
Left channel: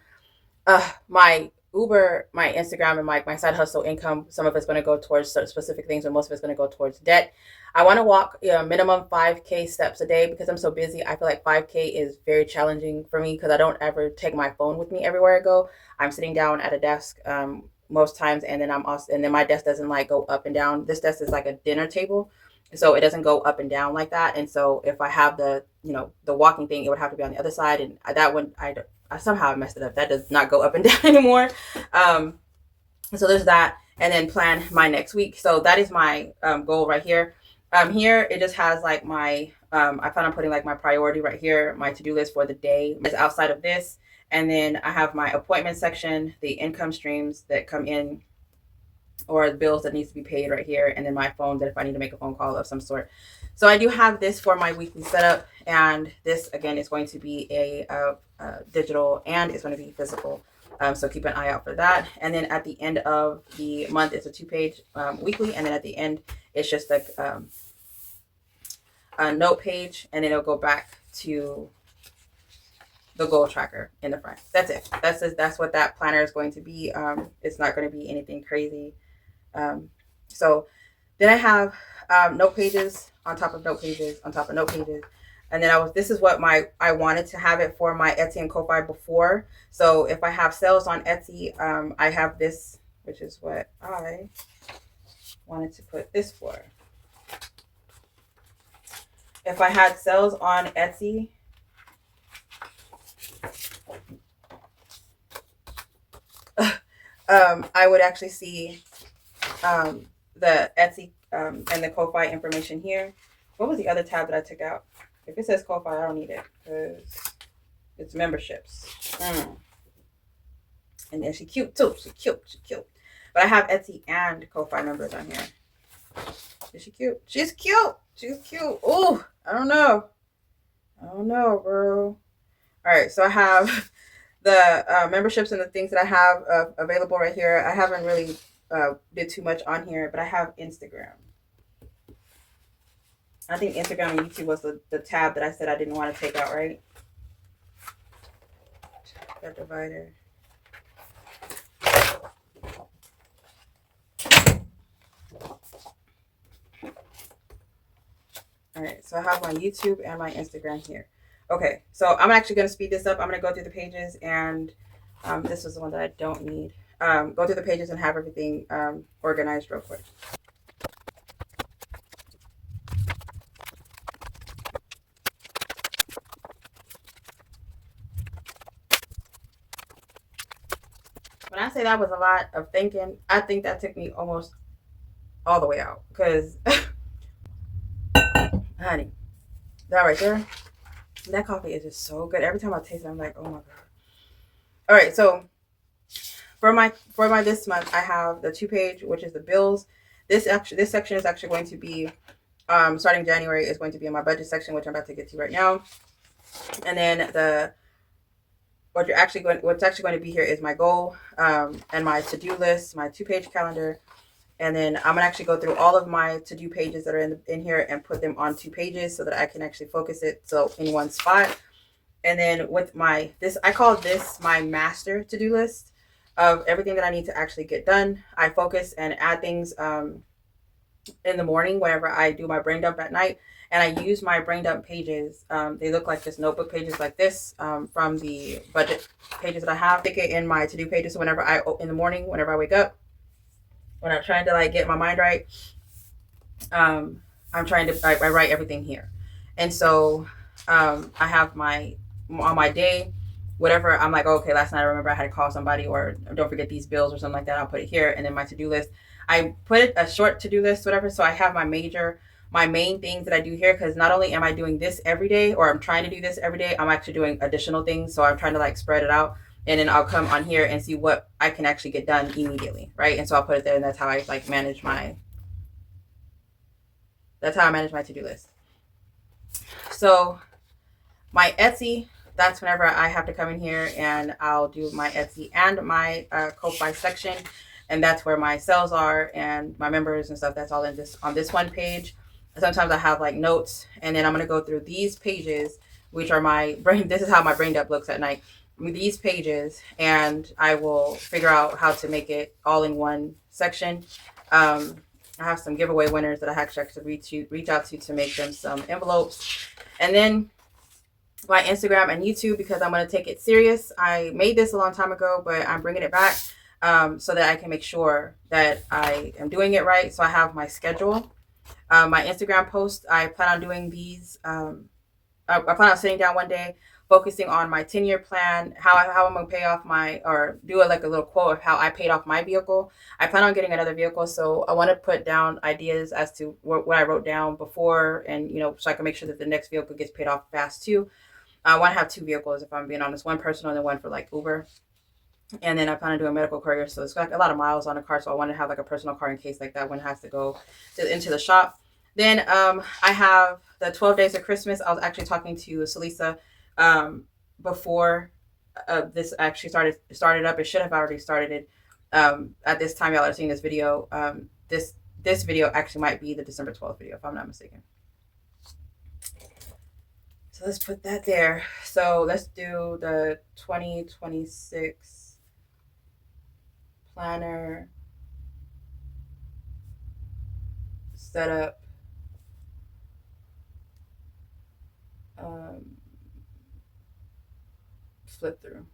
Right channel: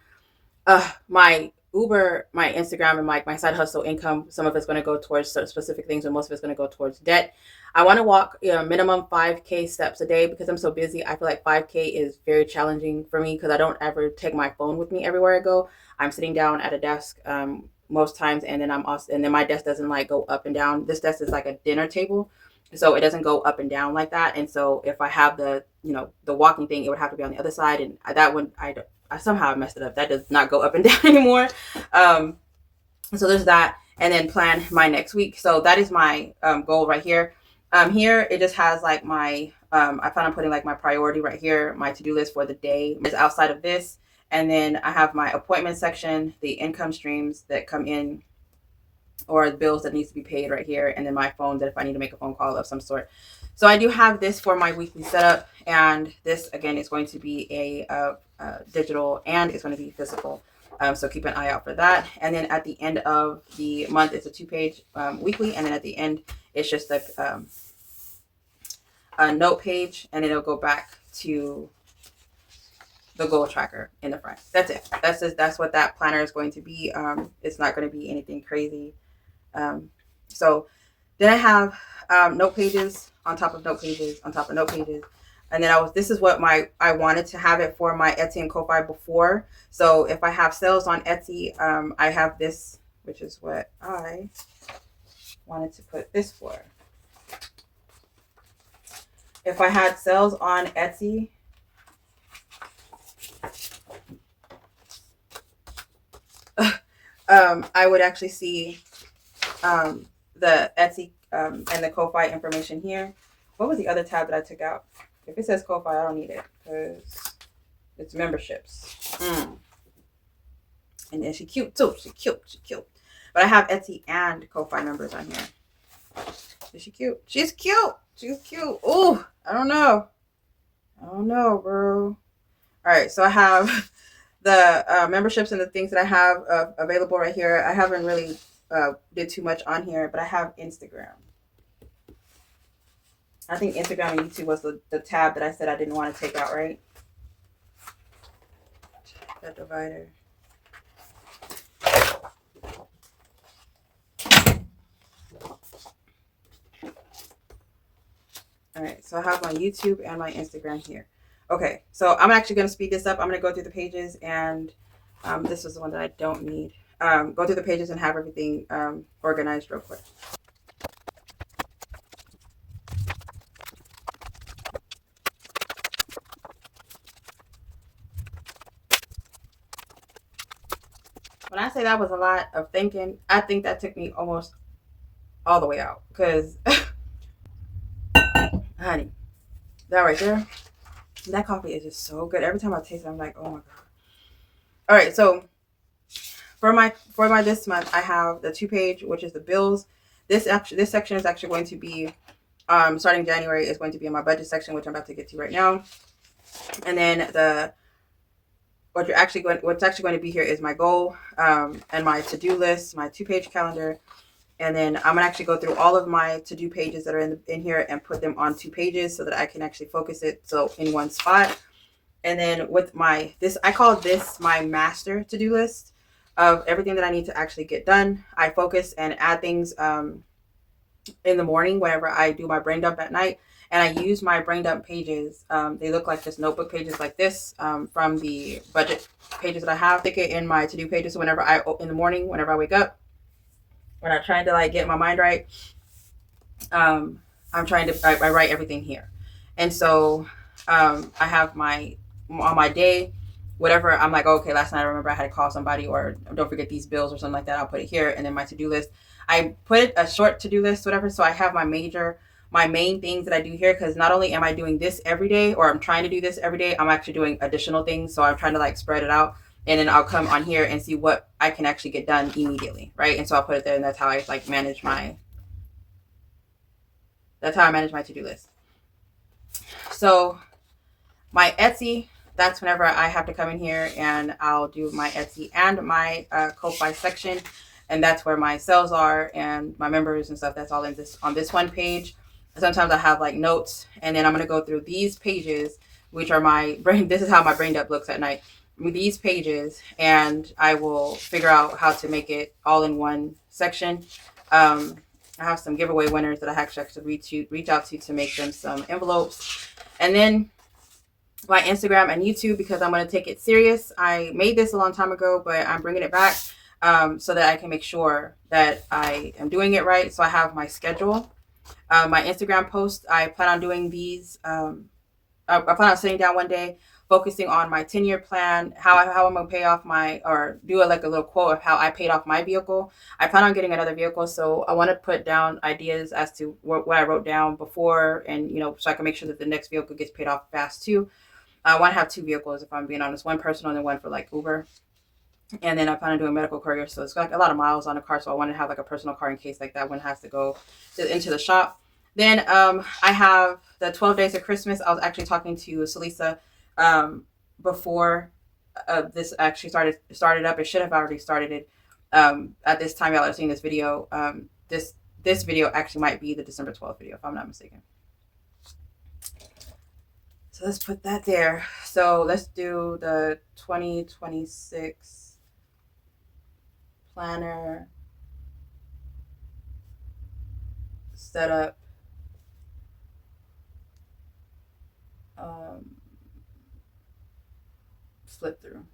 my Uber, my Instagram, and my side hustle income. Some of it's going to go towards specific things, and most of it's going to go towards debt. I want to walk minimum 5K steps a day because I'm so busy. I feel like 5K is very challenging for me because I don't ever take my phone with me everywhere I go. I'm sitting down at a desk most times, and then my desk doesn't like go up and down. This desk is like a dinner table, so it doesn't go up and down like that. And so if I have the walking thing, it would have to be on the other side, and that one I somehow messed it up. That does not go up and down anymore. So there's that, and then plan my next week. So that is my goal right here. Here it just has like my I plan on putting like my priority right here, my to-do list for the day is outside of this. And then I have my appointment section, the income streams that come in, or the bills that needs to be paid right here, and then my phone that if I need to make a phone call of some sort. So I do have this for my weekly setup, and this again is going to be a digital, and it's going to be physical. So keep an eye out for that. And then at the end of the month, it's a 2-page weekly. And then at the end, it's just a note page. And then it'll go back to the goal tracker in the front. That's it. That's what that planner is going to be. It's not going to be anything crazy. So then I have note pages on top of note pages on top of note pages. And then this is what I wanted to have it for my Etsy and Ko-Fi before. So if I have sales on Etsy, I have this, which is what I wanted to put this for. If I had sales on Etsy, I would actually see the Etsy and the Ko-Fi information here. What was the other tab that I took out? If it says Ko-Fi, I don't need it because it's memberships. And then she's cute too. She's cute. But I have Etsy and Ko-Fi numbers on here. Is she cute? She's cute. Oh, I don't know, bro. All right, so I have the memberships and the things that I have available right here. I haven't really did too much on here, but I have Instagram. I think Instagram and YouTube was the tab that I said I didn't want to take out, right? That divider. All right, so I have my YouTube and my Instagram here. Okay, so I'm actually going to speed this up. I'm going to go through the pages, and this is the one that I don't need. Go through the pages and have everything organized real quick. When I say that was a lot of thinking, I think that took me almost all the way out. Because, honey, that right there, that coffee is just so good. Every time I taste it, I'm like, oh my God. All right, so for my this month, I have the 2-page, which is the bills. This section is actually going to be, starting January, is going to be in my budget section, which I'm about to get to right now. And then what's actually going to be here is my goal and my to-do list, my 2-page calendar. And then I'm gonna actually go through all of my to-do pages that are in here and put them on 2 pages so that I can actually focus it in one spot. And then with I call this my master to-do list of everything that I need to actually get done. I focus and add things in the morning whenever I do my brain dump at night. And I use my brain dump pages. They look like just notebook pages like this from the budget pages that I have. Stick it in my to-do pages. So in the morning, whenever I wake up, when I'm trying to get my mind right, I write everything here. And so I have on my day, whatever, I'm like, okay, last night I remember I had to call somebody, or don't forget these bills or something like that. I'll put it here. And then my to-do list, I put a short to-do list, whatever. So I have my main things that I do here, because not only am I doing this every day, or I'm trying to do this every day, I'm actually doing additional things. So I'm trying to spread it out, and then I'll come on here and see what I can actually get done immediately, right? And so I'll put it there, and that's how I manage my to-do list. So my Etsy, that's whenever I have to come in here and I'll do my Etsy and my Ko-Fi section, and that's where my sales are and my members and stuff. That's all on this one page. Sometimes I have notes, and then I'm going to go through these pages, which are my brain. This is how my brain dump looks at night, with these pages, and I will figure out how to make it all in one section. I have some giveaway winners that I actually reach out to make them some envelopes. And then my Instagram and YouTube, because I'm going to take it serious. I made this a long time ago, but I'm bringing it back so that I can make sure that I am doing it right. So I have my schedule. My Instagram post, I plan on doing these. I plan on sitting down one day, focusing on my 10-year plan, how I'm going to pay off or do a little quote of how I paid off my vehicle. I plan on getting another vehicle, so I want to put down ideas as to what I wrote down before, and so I can make sure that the next vehicle gets paid off fast too. I want to have 2 vehicles, if I'm being honest, one personal and then one for Uber. And then I plan on doing medical courier, so it's a lot of miles on the car, so I want to have a personal car in case that one has to go into the shop. Then I have the 12 days of Christmas. I was actually talking to Salisa before this actually started up. It should have already started it at this time y'all are seeing this video. This video actually might be the December 12th video if I'm not mistaken. So let's put that there. So let's do the 2026 planner setup. Flip through.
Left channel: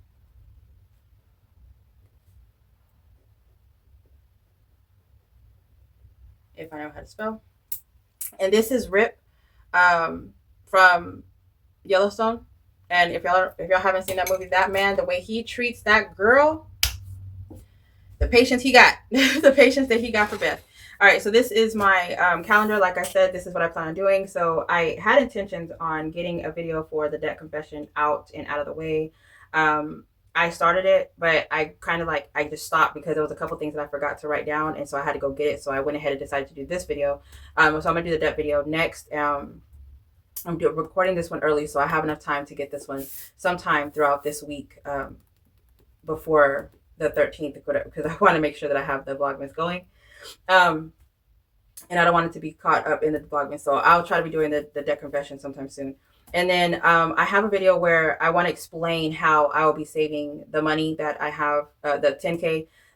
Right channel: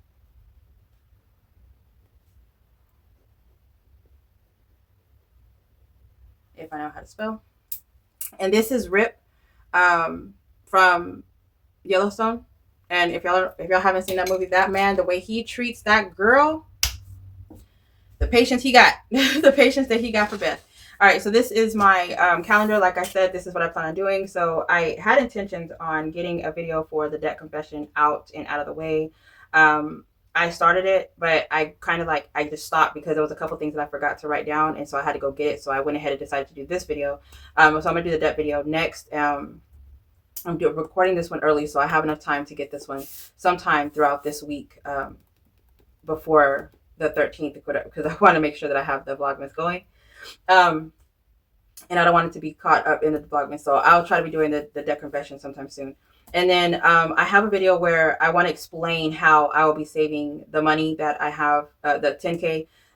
If I know how to spell. And this is Rip from Yellowstone. And if y'all haven't seen that movie, that man, the way he treats that girl, the patience he got, the patience that he got for Beth. All right, so this is my calendar. Like I said, this is what I plan on doing. So I had intentions on getting a video for the debt confession out and out of the way. I started it, but I kind of like, I just stopped because there was a couple things that I forgot to write down. And so I had to go get it. So I went ahead and decided to do this video. So I'm going to do the debt video next. I'm recording this one early, so I have enough time to get this one sometime throughout this week before the 13th, because I want to make sure that I have the Vlogmas going. And I don't want it to be caught up in the Vlogmas, so I'll try to be doing the debt confession sometime soon. And then I have a video where I want to explain how I will be saving the money that I have, the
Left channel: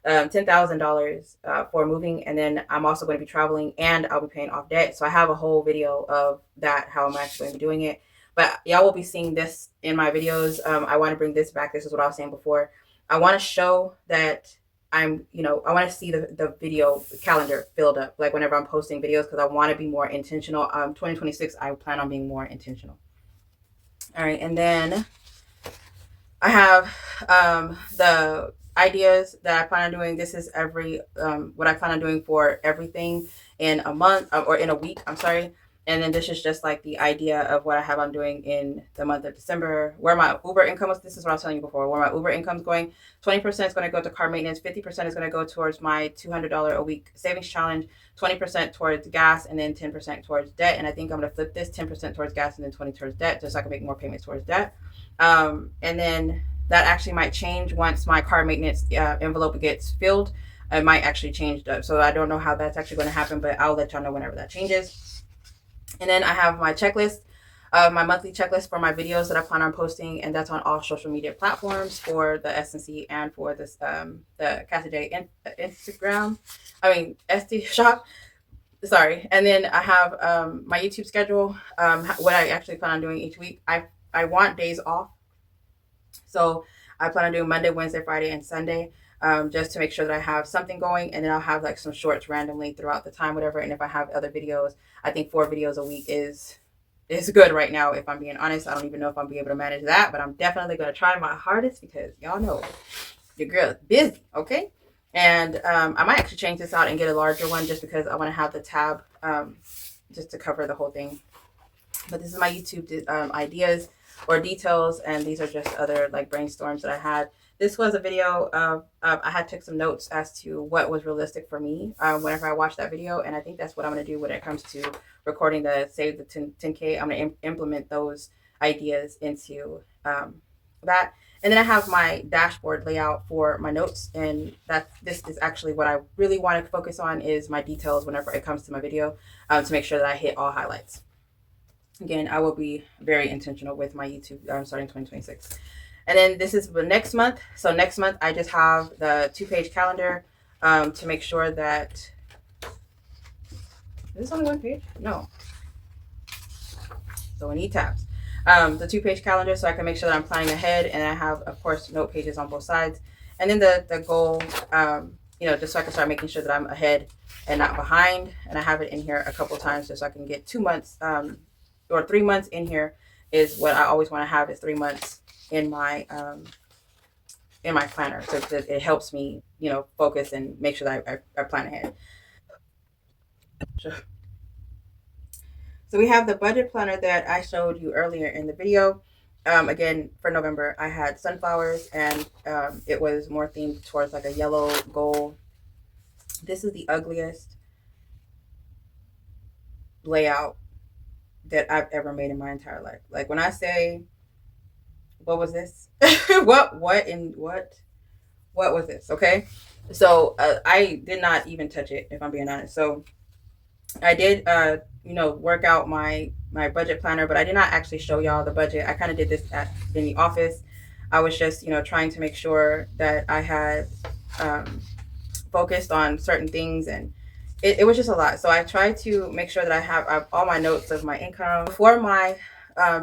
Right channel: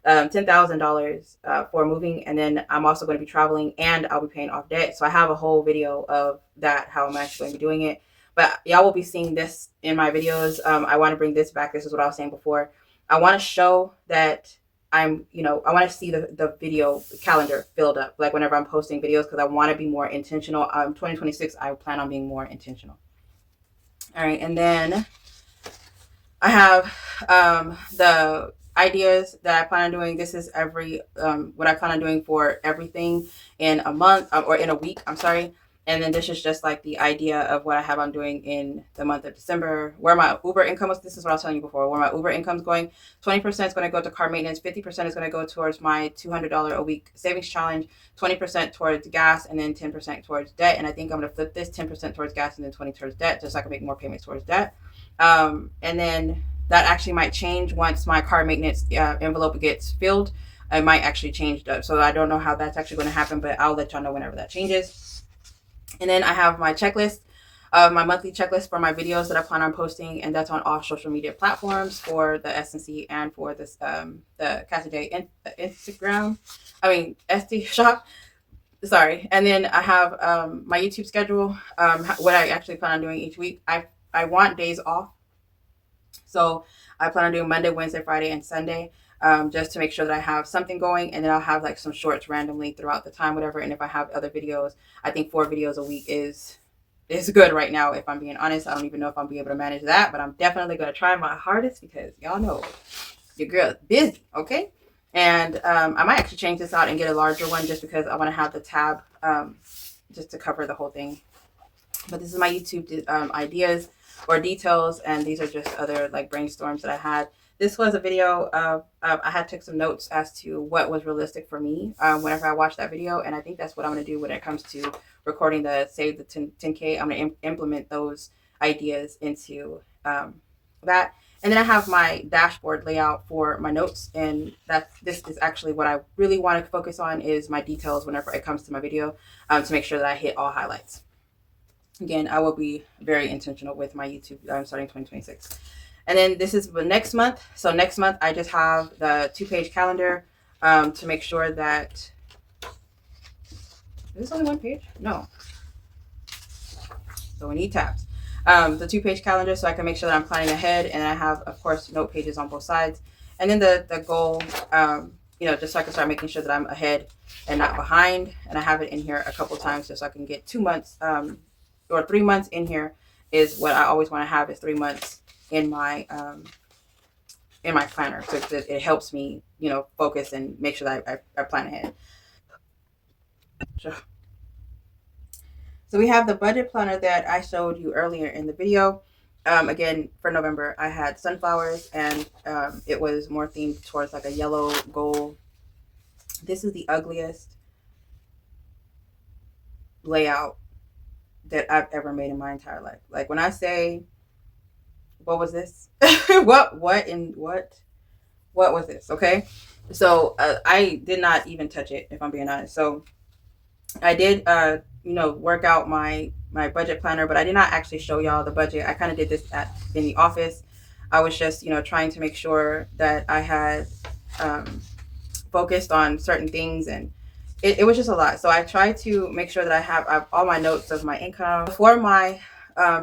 $10,000 for moving. And then I'm also going to be traveling and I'll be paying off debt. So I have a whole video of that, how I'm actually going to be doing it. But y'all will be seeing this in my videos. I want to bring this back. This is what I was saying before. I want to show that I want to see the video calendar filled up, like whenever I'm posting videos, because I want to be more intentional. 2026, I plan on being more intentional. All right, and then I have the ideas that I plan on doing. This is what I plan on doing for everything in a month or in a week. I'm sorry. And then this is just like the idea of what I have on doing in the month of December, where my Uber income was. This is what I was telling you before, where my Uber income is going. 20% is going to go to car maintenance. 50% is going to go towards my $200 a week savings challenge. 20% towards gas, and then 10% towards debt. And I think I'm going to flip this: 10% towards gas and then 20 towards debt, just so I can make more payments towards debt. And then that actually might change once my car maintenance envelope gets filled. It might actually change. So I don't know how that's actually going to happen, but I'll let y'all know whenever that changes. And then I have my checklist, my monthly checklist for my videos that I plan on posting, and that's on all social media platforms for the SnC and for this the Cassie J Instagram. ST shop. Sorry. And then I have my YouTube schedule, what I actually plan on doing each week. I want days off, so I plan on doing Monday, Wednesday, Friday, and Sunday. Just to make sure that I have something going, and then I'll have like some shorts randomly throughout the time, whatever. And if I have other videos, I think 4 videos a week is good right now. If I'm being honest, I don't even know if I'll be able to manage that, but I'm definitely going to try my hardest, because y'all know your girl is busy. Okay. And I might actually change this out and get a larger one, just because I want to have the tab just to cover the whole thing. But this is my YouTube ideas or details, and these are just other like brainstorms that I had. This was a video of I had took some notes as to what was realistic for me whenever I watched that video, and I think that's what I'm going to do when it comes to recording the Save the 10K. I'm going to implement those ideas into that. And then I have my dashboard layout for my notes, and this is actually what I really want to focus on, is my details whenever it comes to my video, to make sure that I hit all highlights. Again, I will be very intentional with my YouTube starting 2026. And then this is the next month. So next month, I just have the 2-page calendar to make sure that... Is this only 1 page? No. So we need tabs. The 2-page calendar, so I can make sure that I'm planning ahead. And I have, of course, note pages on both sides. And then the goal, just so I can start making sure that I'm ahead and not behind. And I have it in here a couple times just so I can get 2 months or 3 months in here is what I always want to have, is 3 months in my planner, so that it helps me focus and make sure that I plan ahead. So we have the budget planner that I showed you earlier in the video. Again, for November, I had sunflowers, and it was more themed towards like a yellow gold. This is the ugliest layout that I've ever made in my entire life. Like, when I say what was this? what was this? Okay. So I did not even touch it, if I'm being honest. So I did work out my budget planner, but I did not actually show y'all the budget. I kind of did this in the office. I was just trying to make sure that I had focused on certain things, and it was just a lot. So I tried to make sure that I have all my notes of my income for my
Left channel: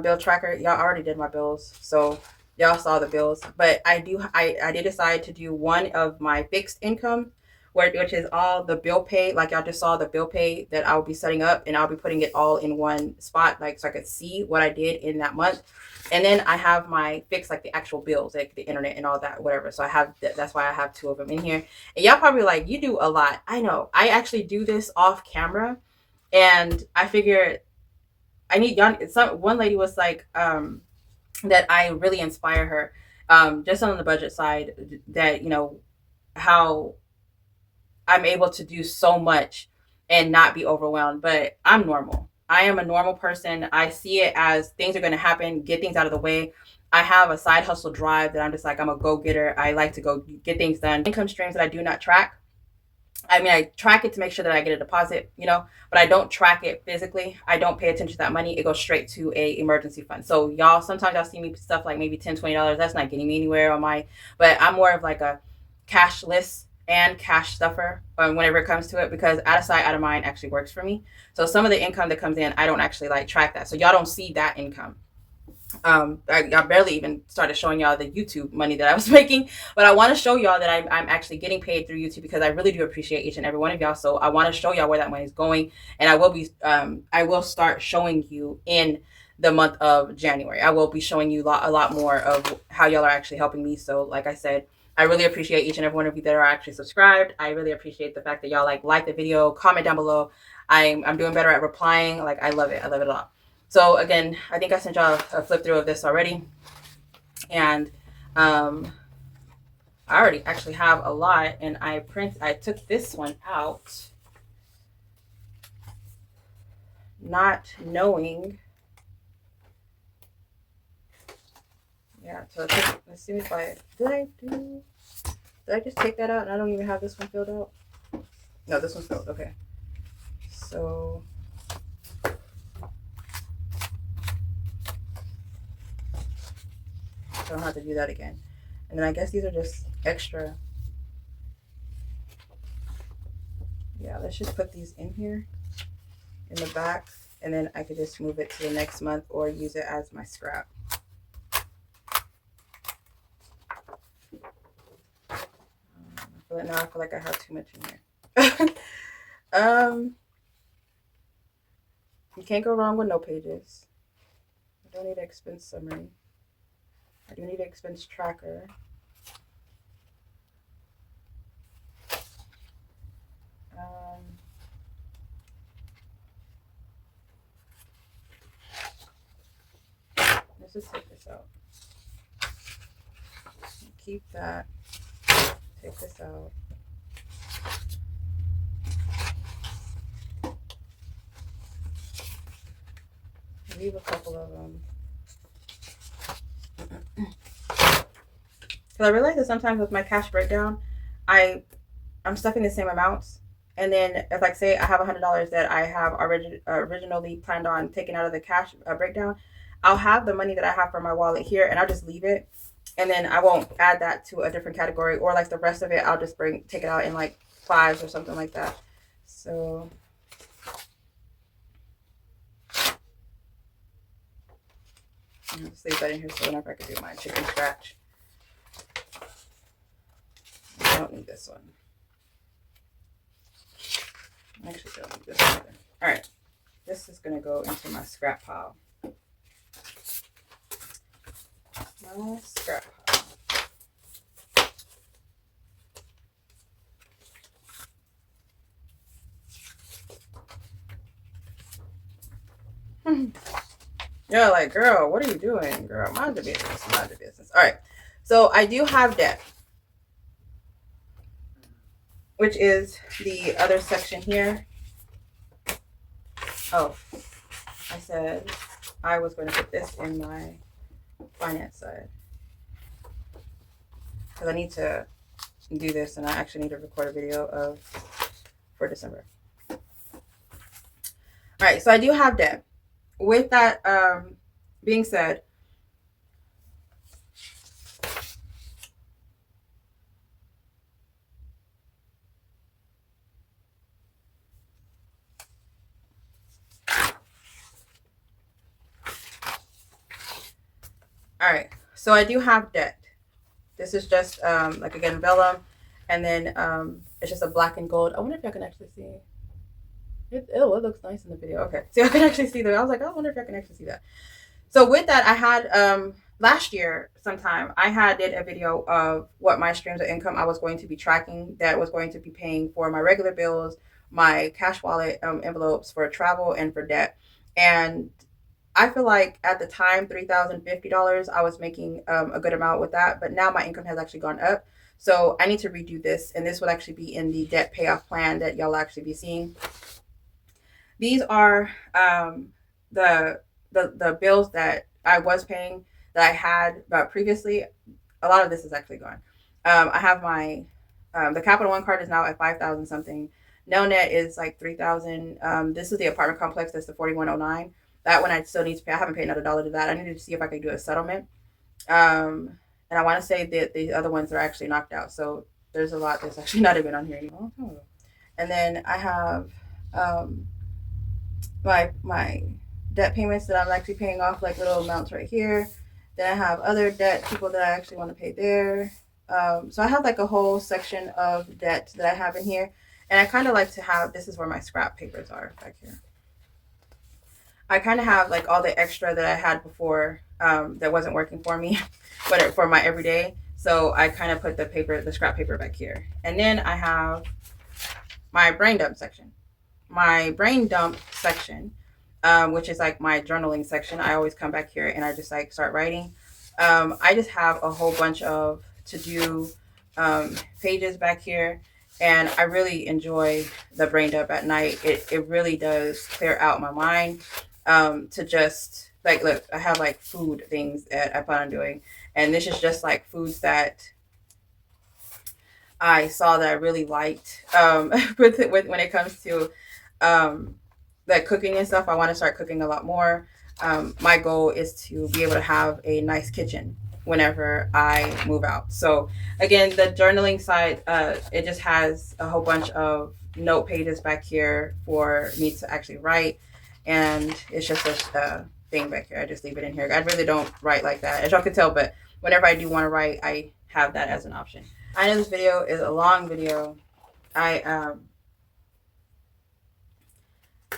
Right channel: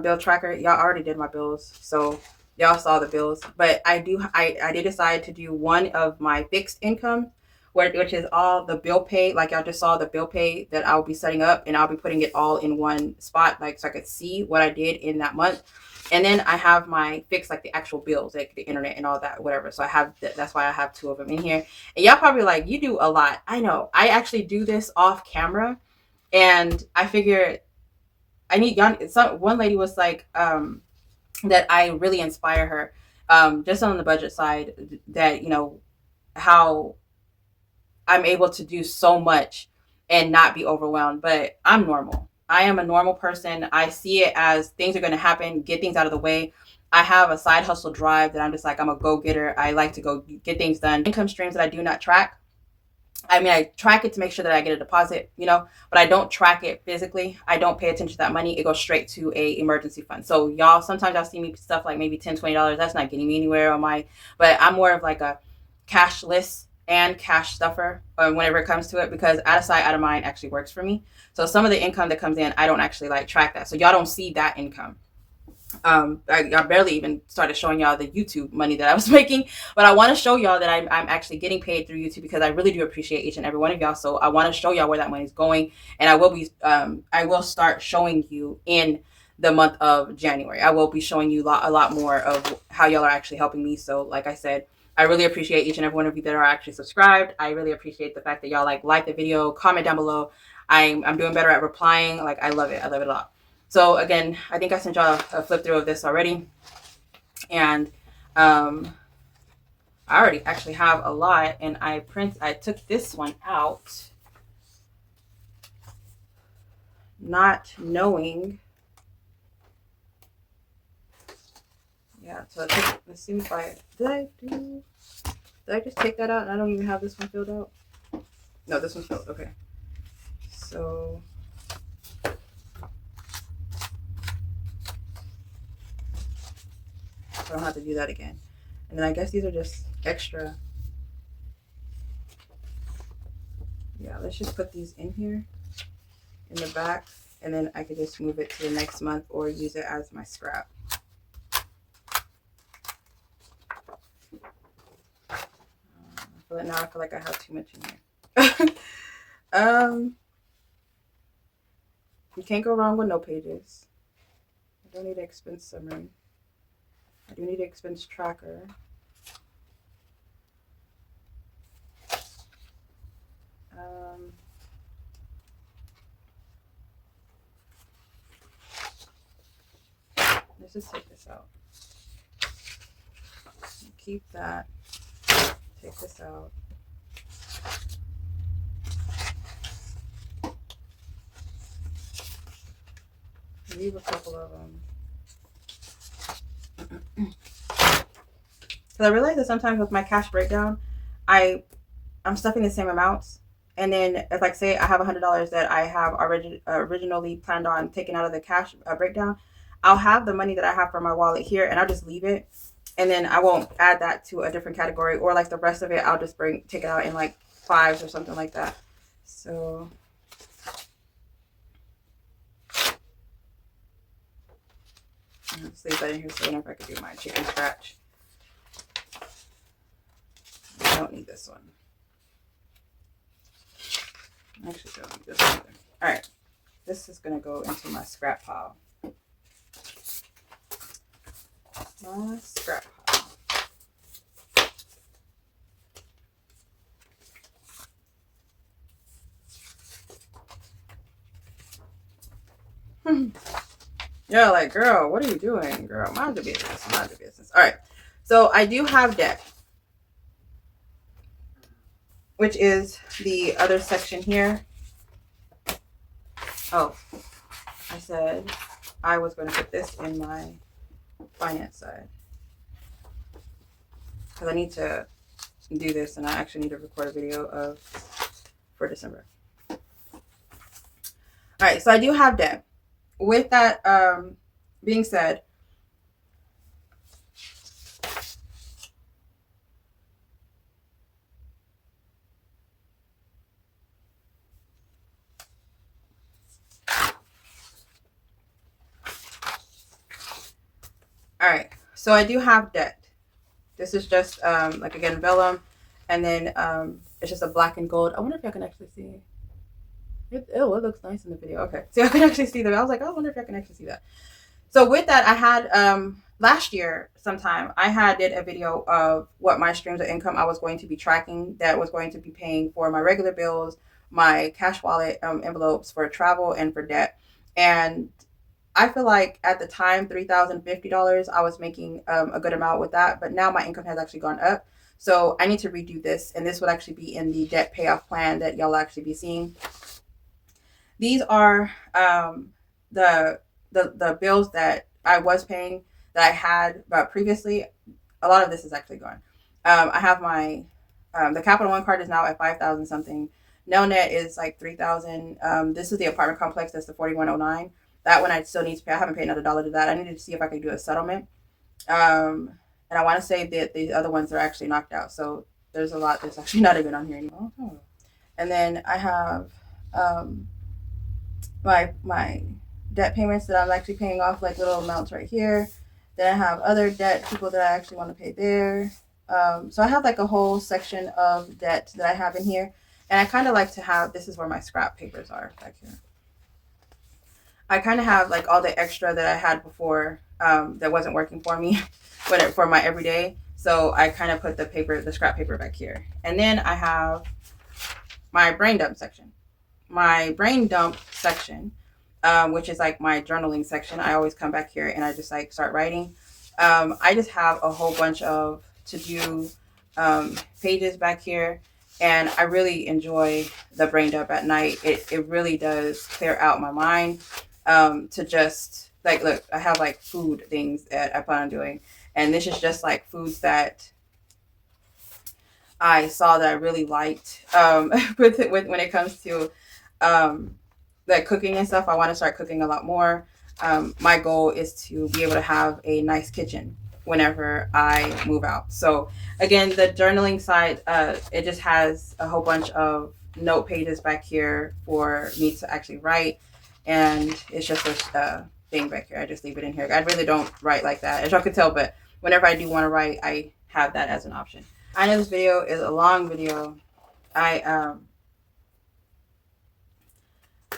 bill tracker. Y'all already did my bills, so y'all saw the bills. But I did decide to do one of my fixed income, which is all the bill pay. Like y'all just saw the bill pay that I'll be setting up, and I'll be putting it all in one spot, like so I could see what I did in that month. And then I have my fixed, like the actual bills, like the internet and all that, whatever. So I have that's why I have two of them in here. And y'all probably like, you do a lot. I know. I actually do this off camera, and I figured I need y'all. One lady was like that I really inspire her, just on the budget side, that how I'm able to do so much and not be overwhelmed. But I'm normal. I am a normal person. I see it as things are going to happen, get things out of the way. I have a side hustle drive that I'm just like, I'm a go-getter. I like to go get things done. Income streams that I do not track. I mean, I track it to make sure that I get a deposit, but I don't track it physically. I don't pay attention to that money. It goes straight to a emergency fund. So y'all, sometimes y'all see me stuff like maybe $10, $20. That's not getting me anywhere on but I'm more of like a cashless and cash stuffer whenever it comes to it, because out of sight, out of mind actually works for me. So some of the income that comes in, I don't actually like track that. So y'all don't see that income. I barely even started showing y'all the YouTube money that I was making, but I want to show y'all that I'm actually getting paid through YouTube, because I really do appreciate each and every one of y'all. So I want to show y'all where that money is going, and I will start showing you in the month of January. I will be showing you a lot more of how y'all are actually helping me. So like I said, I really appreciate each and every one of you that are actually subscribed. I really appreciate the fact that y'all like the video, comment down below. I'm doing better at replying. Like, I love it. I love it a lot. So again, I think I sent y'all a flip through of this already. And I already actually have a lot, and I took this one out, not knowing. Yeah, so let's see if did I just take that out and I don't even have this one filled out? No, this one's filled. Okay. So I don't have to do that again. And then I guess these are just extra. Yeah, let's just put these in here in the back, and then I could just move it to the next month or use it as my scrap. Now I feel like I have too much in here. You can't go wrong with no pages. I don't need an expense summary. I do need an expense tracker. Let's just take this out. Keep that. Take this out. Leave a couple of them. Because I realize that sometimes with my cash breakdown, I'm stuffing the same amounts. And then if, like, say I have $100 that I have originally planned on taking out of the cash breakdown, I'll have the money that I have for my wallet here, and I'll just leave it. And then I won't add that to a different category, or like the rest of it, I'll just take it out in like fives or something like that. So I'll just leave that in here so whenever I can do my chicken scratch. I don't need this one. I actually don't need this one either. All right, this is gonna go into my scrap pile. My scrap pile. You're like, girl, what are you doing? Girl, mind your business, mind your business. All right, so I do have debt, which is the other section here. Oh, I said I was going to put this in my finance side. because I need to do this, and I actually need to record a video for December. All right, so I do have debt. With that being said, all right, so I do have debt. This is just like, again, vellum, and then it's just a black and gold. I wonder if y'all can actually see it. It looks nice in the video. Okay, so I can actually see that. I was like, I wonder if I can actually see that. So with that, I had last year sometime I had did a video of what my streams of income I was going to be tracking, that was going to be paying for my regular bills, my cash wallet envelopes, for travel, and for debt. And I feel like at the time, $3,050, I was making a good amount with that. But now my income has actually gone up. So I need to redo this. And this would actually be in the debt payoff plan that y'all actually be seeing. These are the bills that I was paying, that I had previously. A lot of this is actually gone. I have my the Capital One card is now at 5,000 something. Nelnet is like 3,000. This is the apartment complex. That's the 4109. That one I still need to pay. I haven't paid another dollar to that. I needed to see if I could do a settlement. And I want to say that the other ones are actually knocked out. So there's a lot that's actually not even on here anymore. And then I have my debt payments that I'm actually paying off, like little amounts right here. Then I have other debt, people that I actually want to pay there. So I have like a whole section of debt that I have in here. And I kind of like to have, this is where my scrap papers are back here. I kind of have like all the extra that I had before that wasn't working for me, but for my everyday. So I kind of put the scrap paper back here. And then I have my brain dump section. My brain dump section, which is like my journaling section. I always come back here and I just like start writing. I just have a whole bunch of to-do pages back here. And I really enjoy the brain dump at night. It really does clear out my mind. To just like, look, I have like food things that I plan on doing. And this is just like foods that I saw that I really liked with when it comes to like cooking and stuff. I want to start cooking a lot more. My goal is to be able to have a nice kitchen whenever I move out. So again, the journaling side, it just has a whole bunch of note pages back here for me to actually write. And it's just a thing back here. I just leave it in here. I really don't write like that, as y'all can tell, but whenever I do want to write, I have that as an option. I know this video is a long video. I'm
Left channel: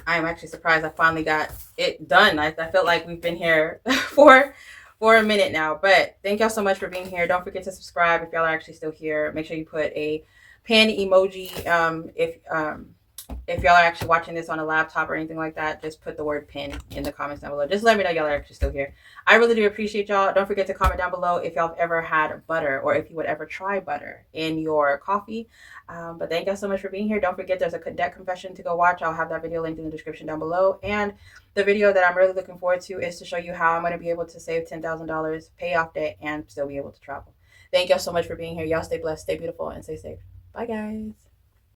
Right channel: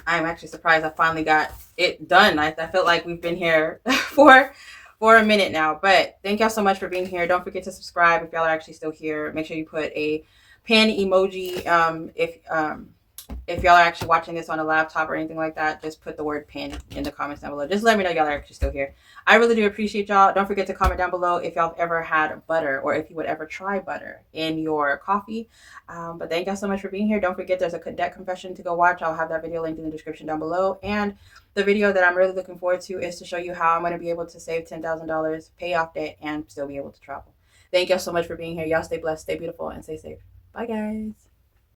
actually surprised I finally got it done. I felt like we've been here for a minute now, but thank y'all so much for being here. Don't forget to subscribe if y'all are actually still here. Make sure you put a pen emoji. If y'all are actually watching this on a laptop or anything like that, just put the word pin in the comments down below. Just let me know y'all are actually still here. I really do appreciate y'all. Don't forget to comment down below if y'all have ever had butter, or if you would ever try butter in your coffee. But thank y'all so much for being here. Don't forget, there's a debt confession to go watch. I'll have that video linked in the description down below. And the video that I'm really looking forward to is to show you how I'm going to be able to save $10,000, pay off debt, and still be able to travel. Thank y'all so much for being here. Y'all stay blessed, stay beautiful, and stay safe. Bye, guys.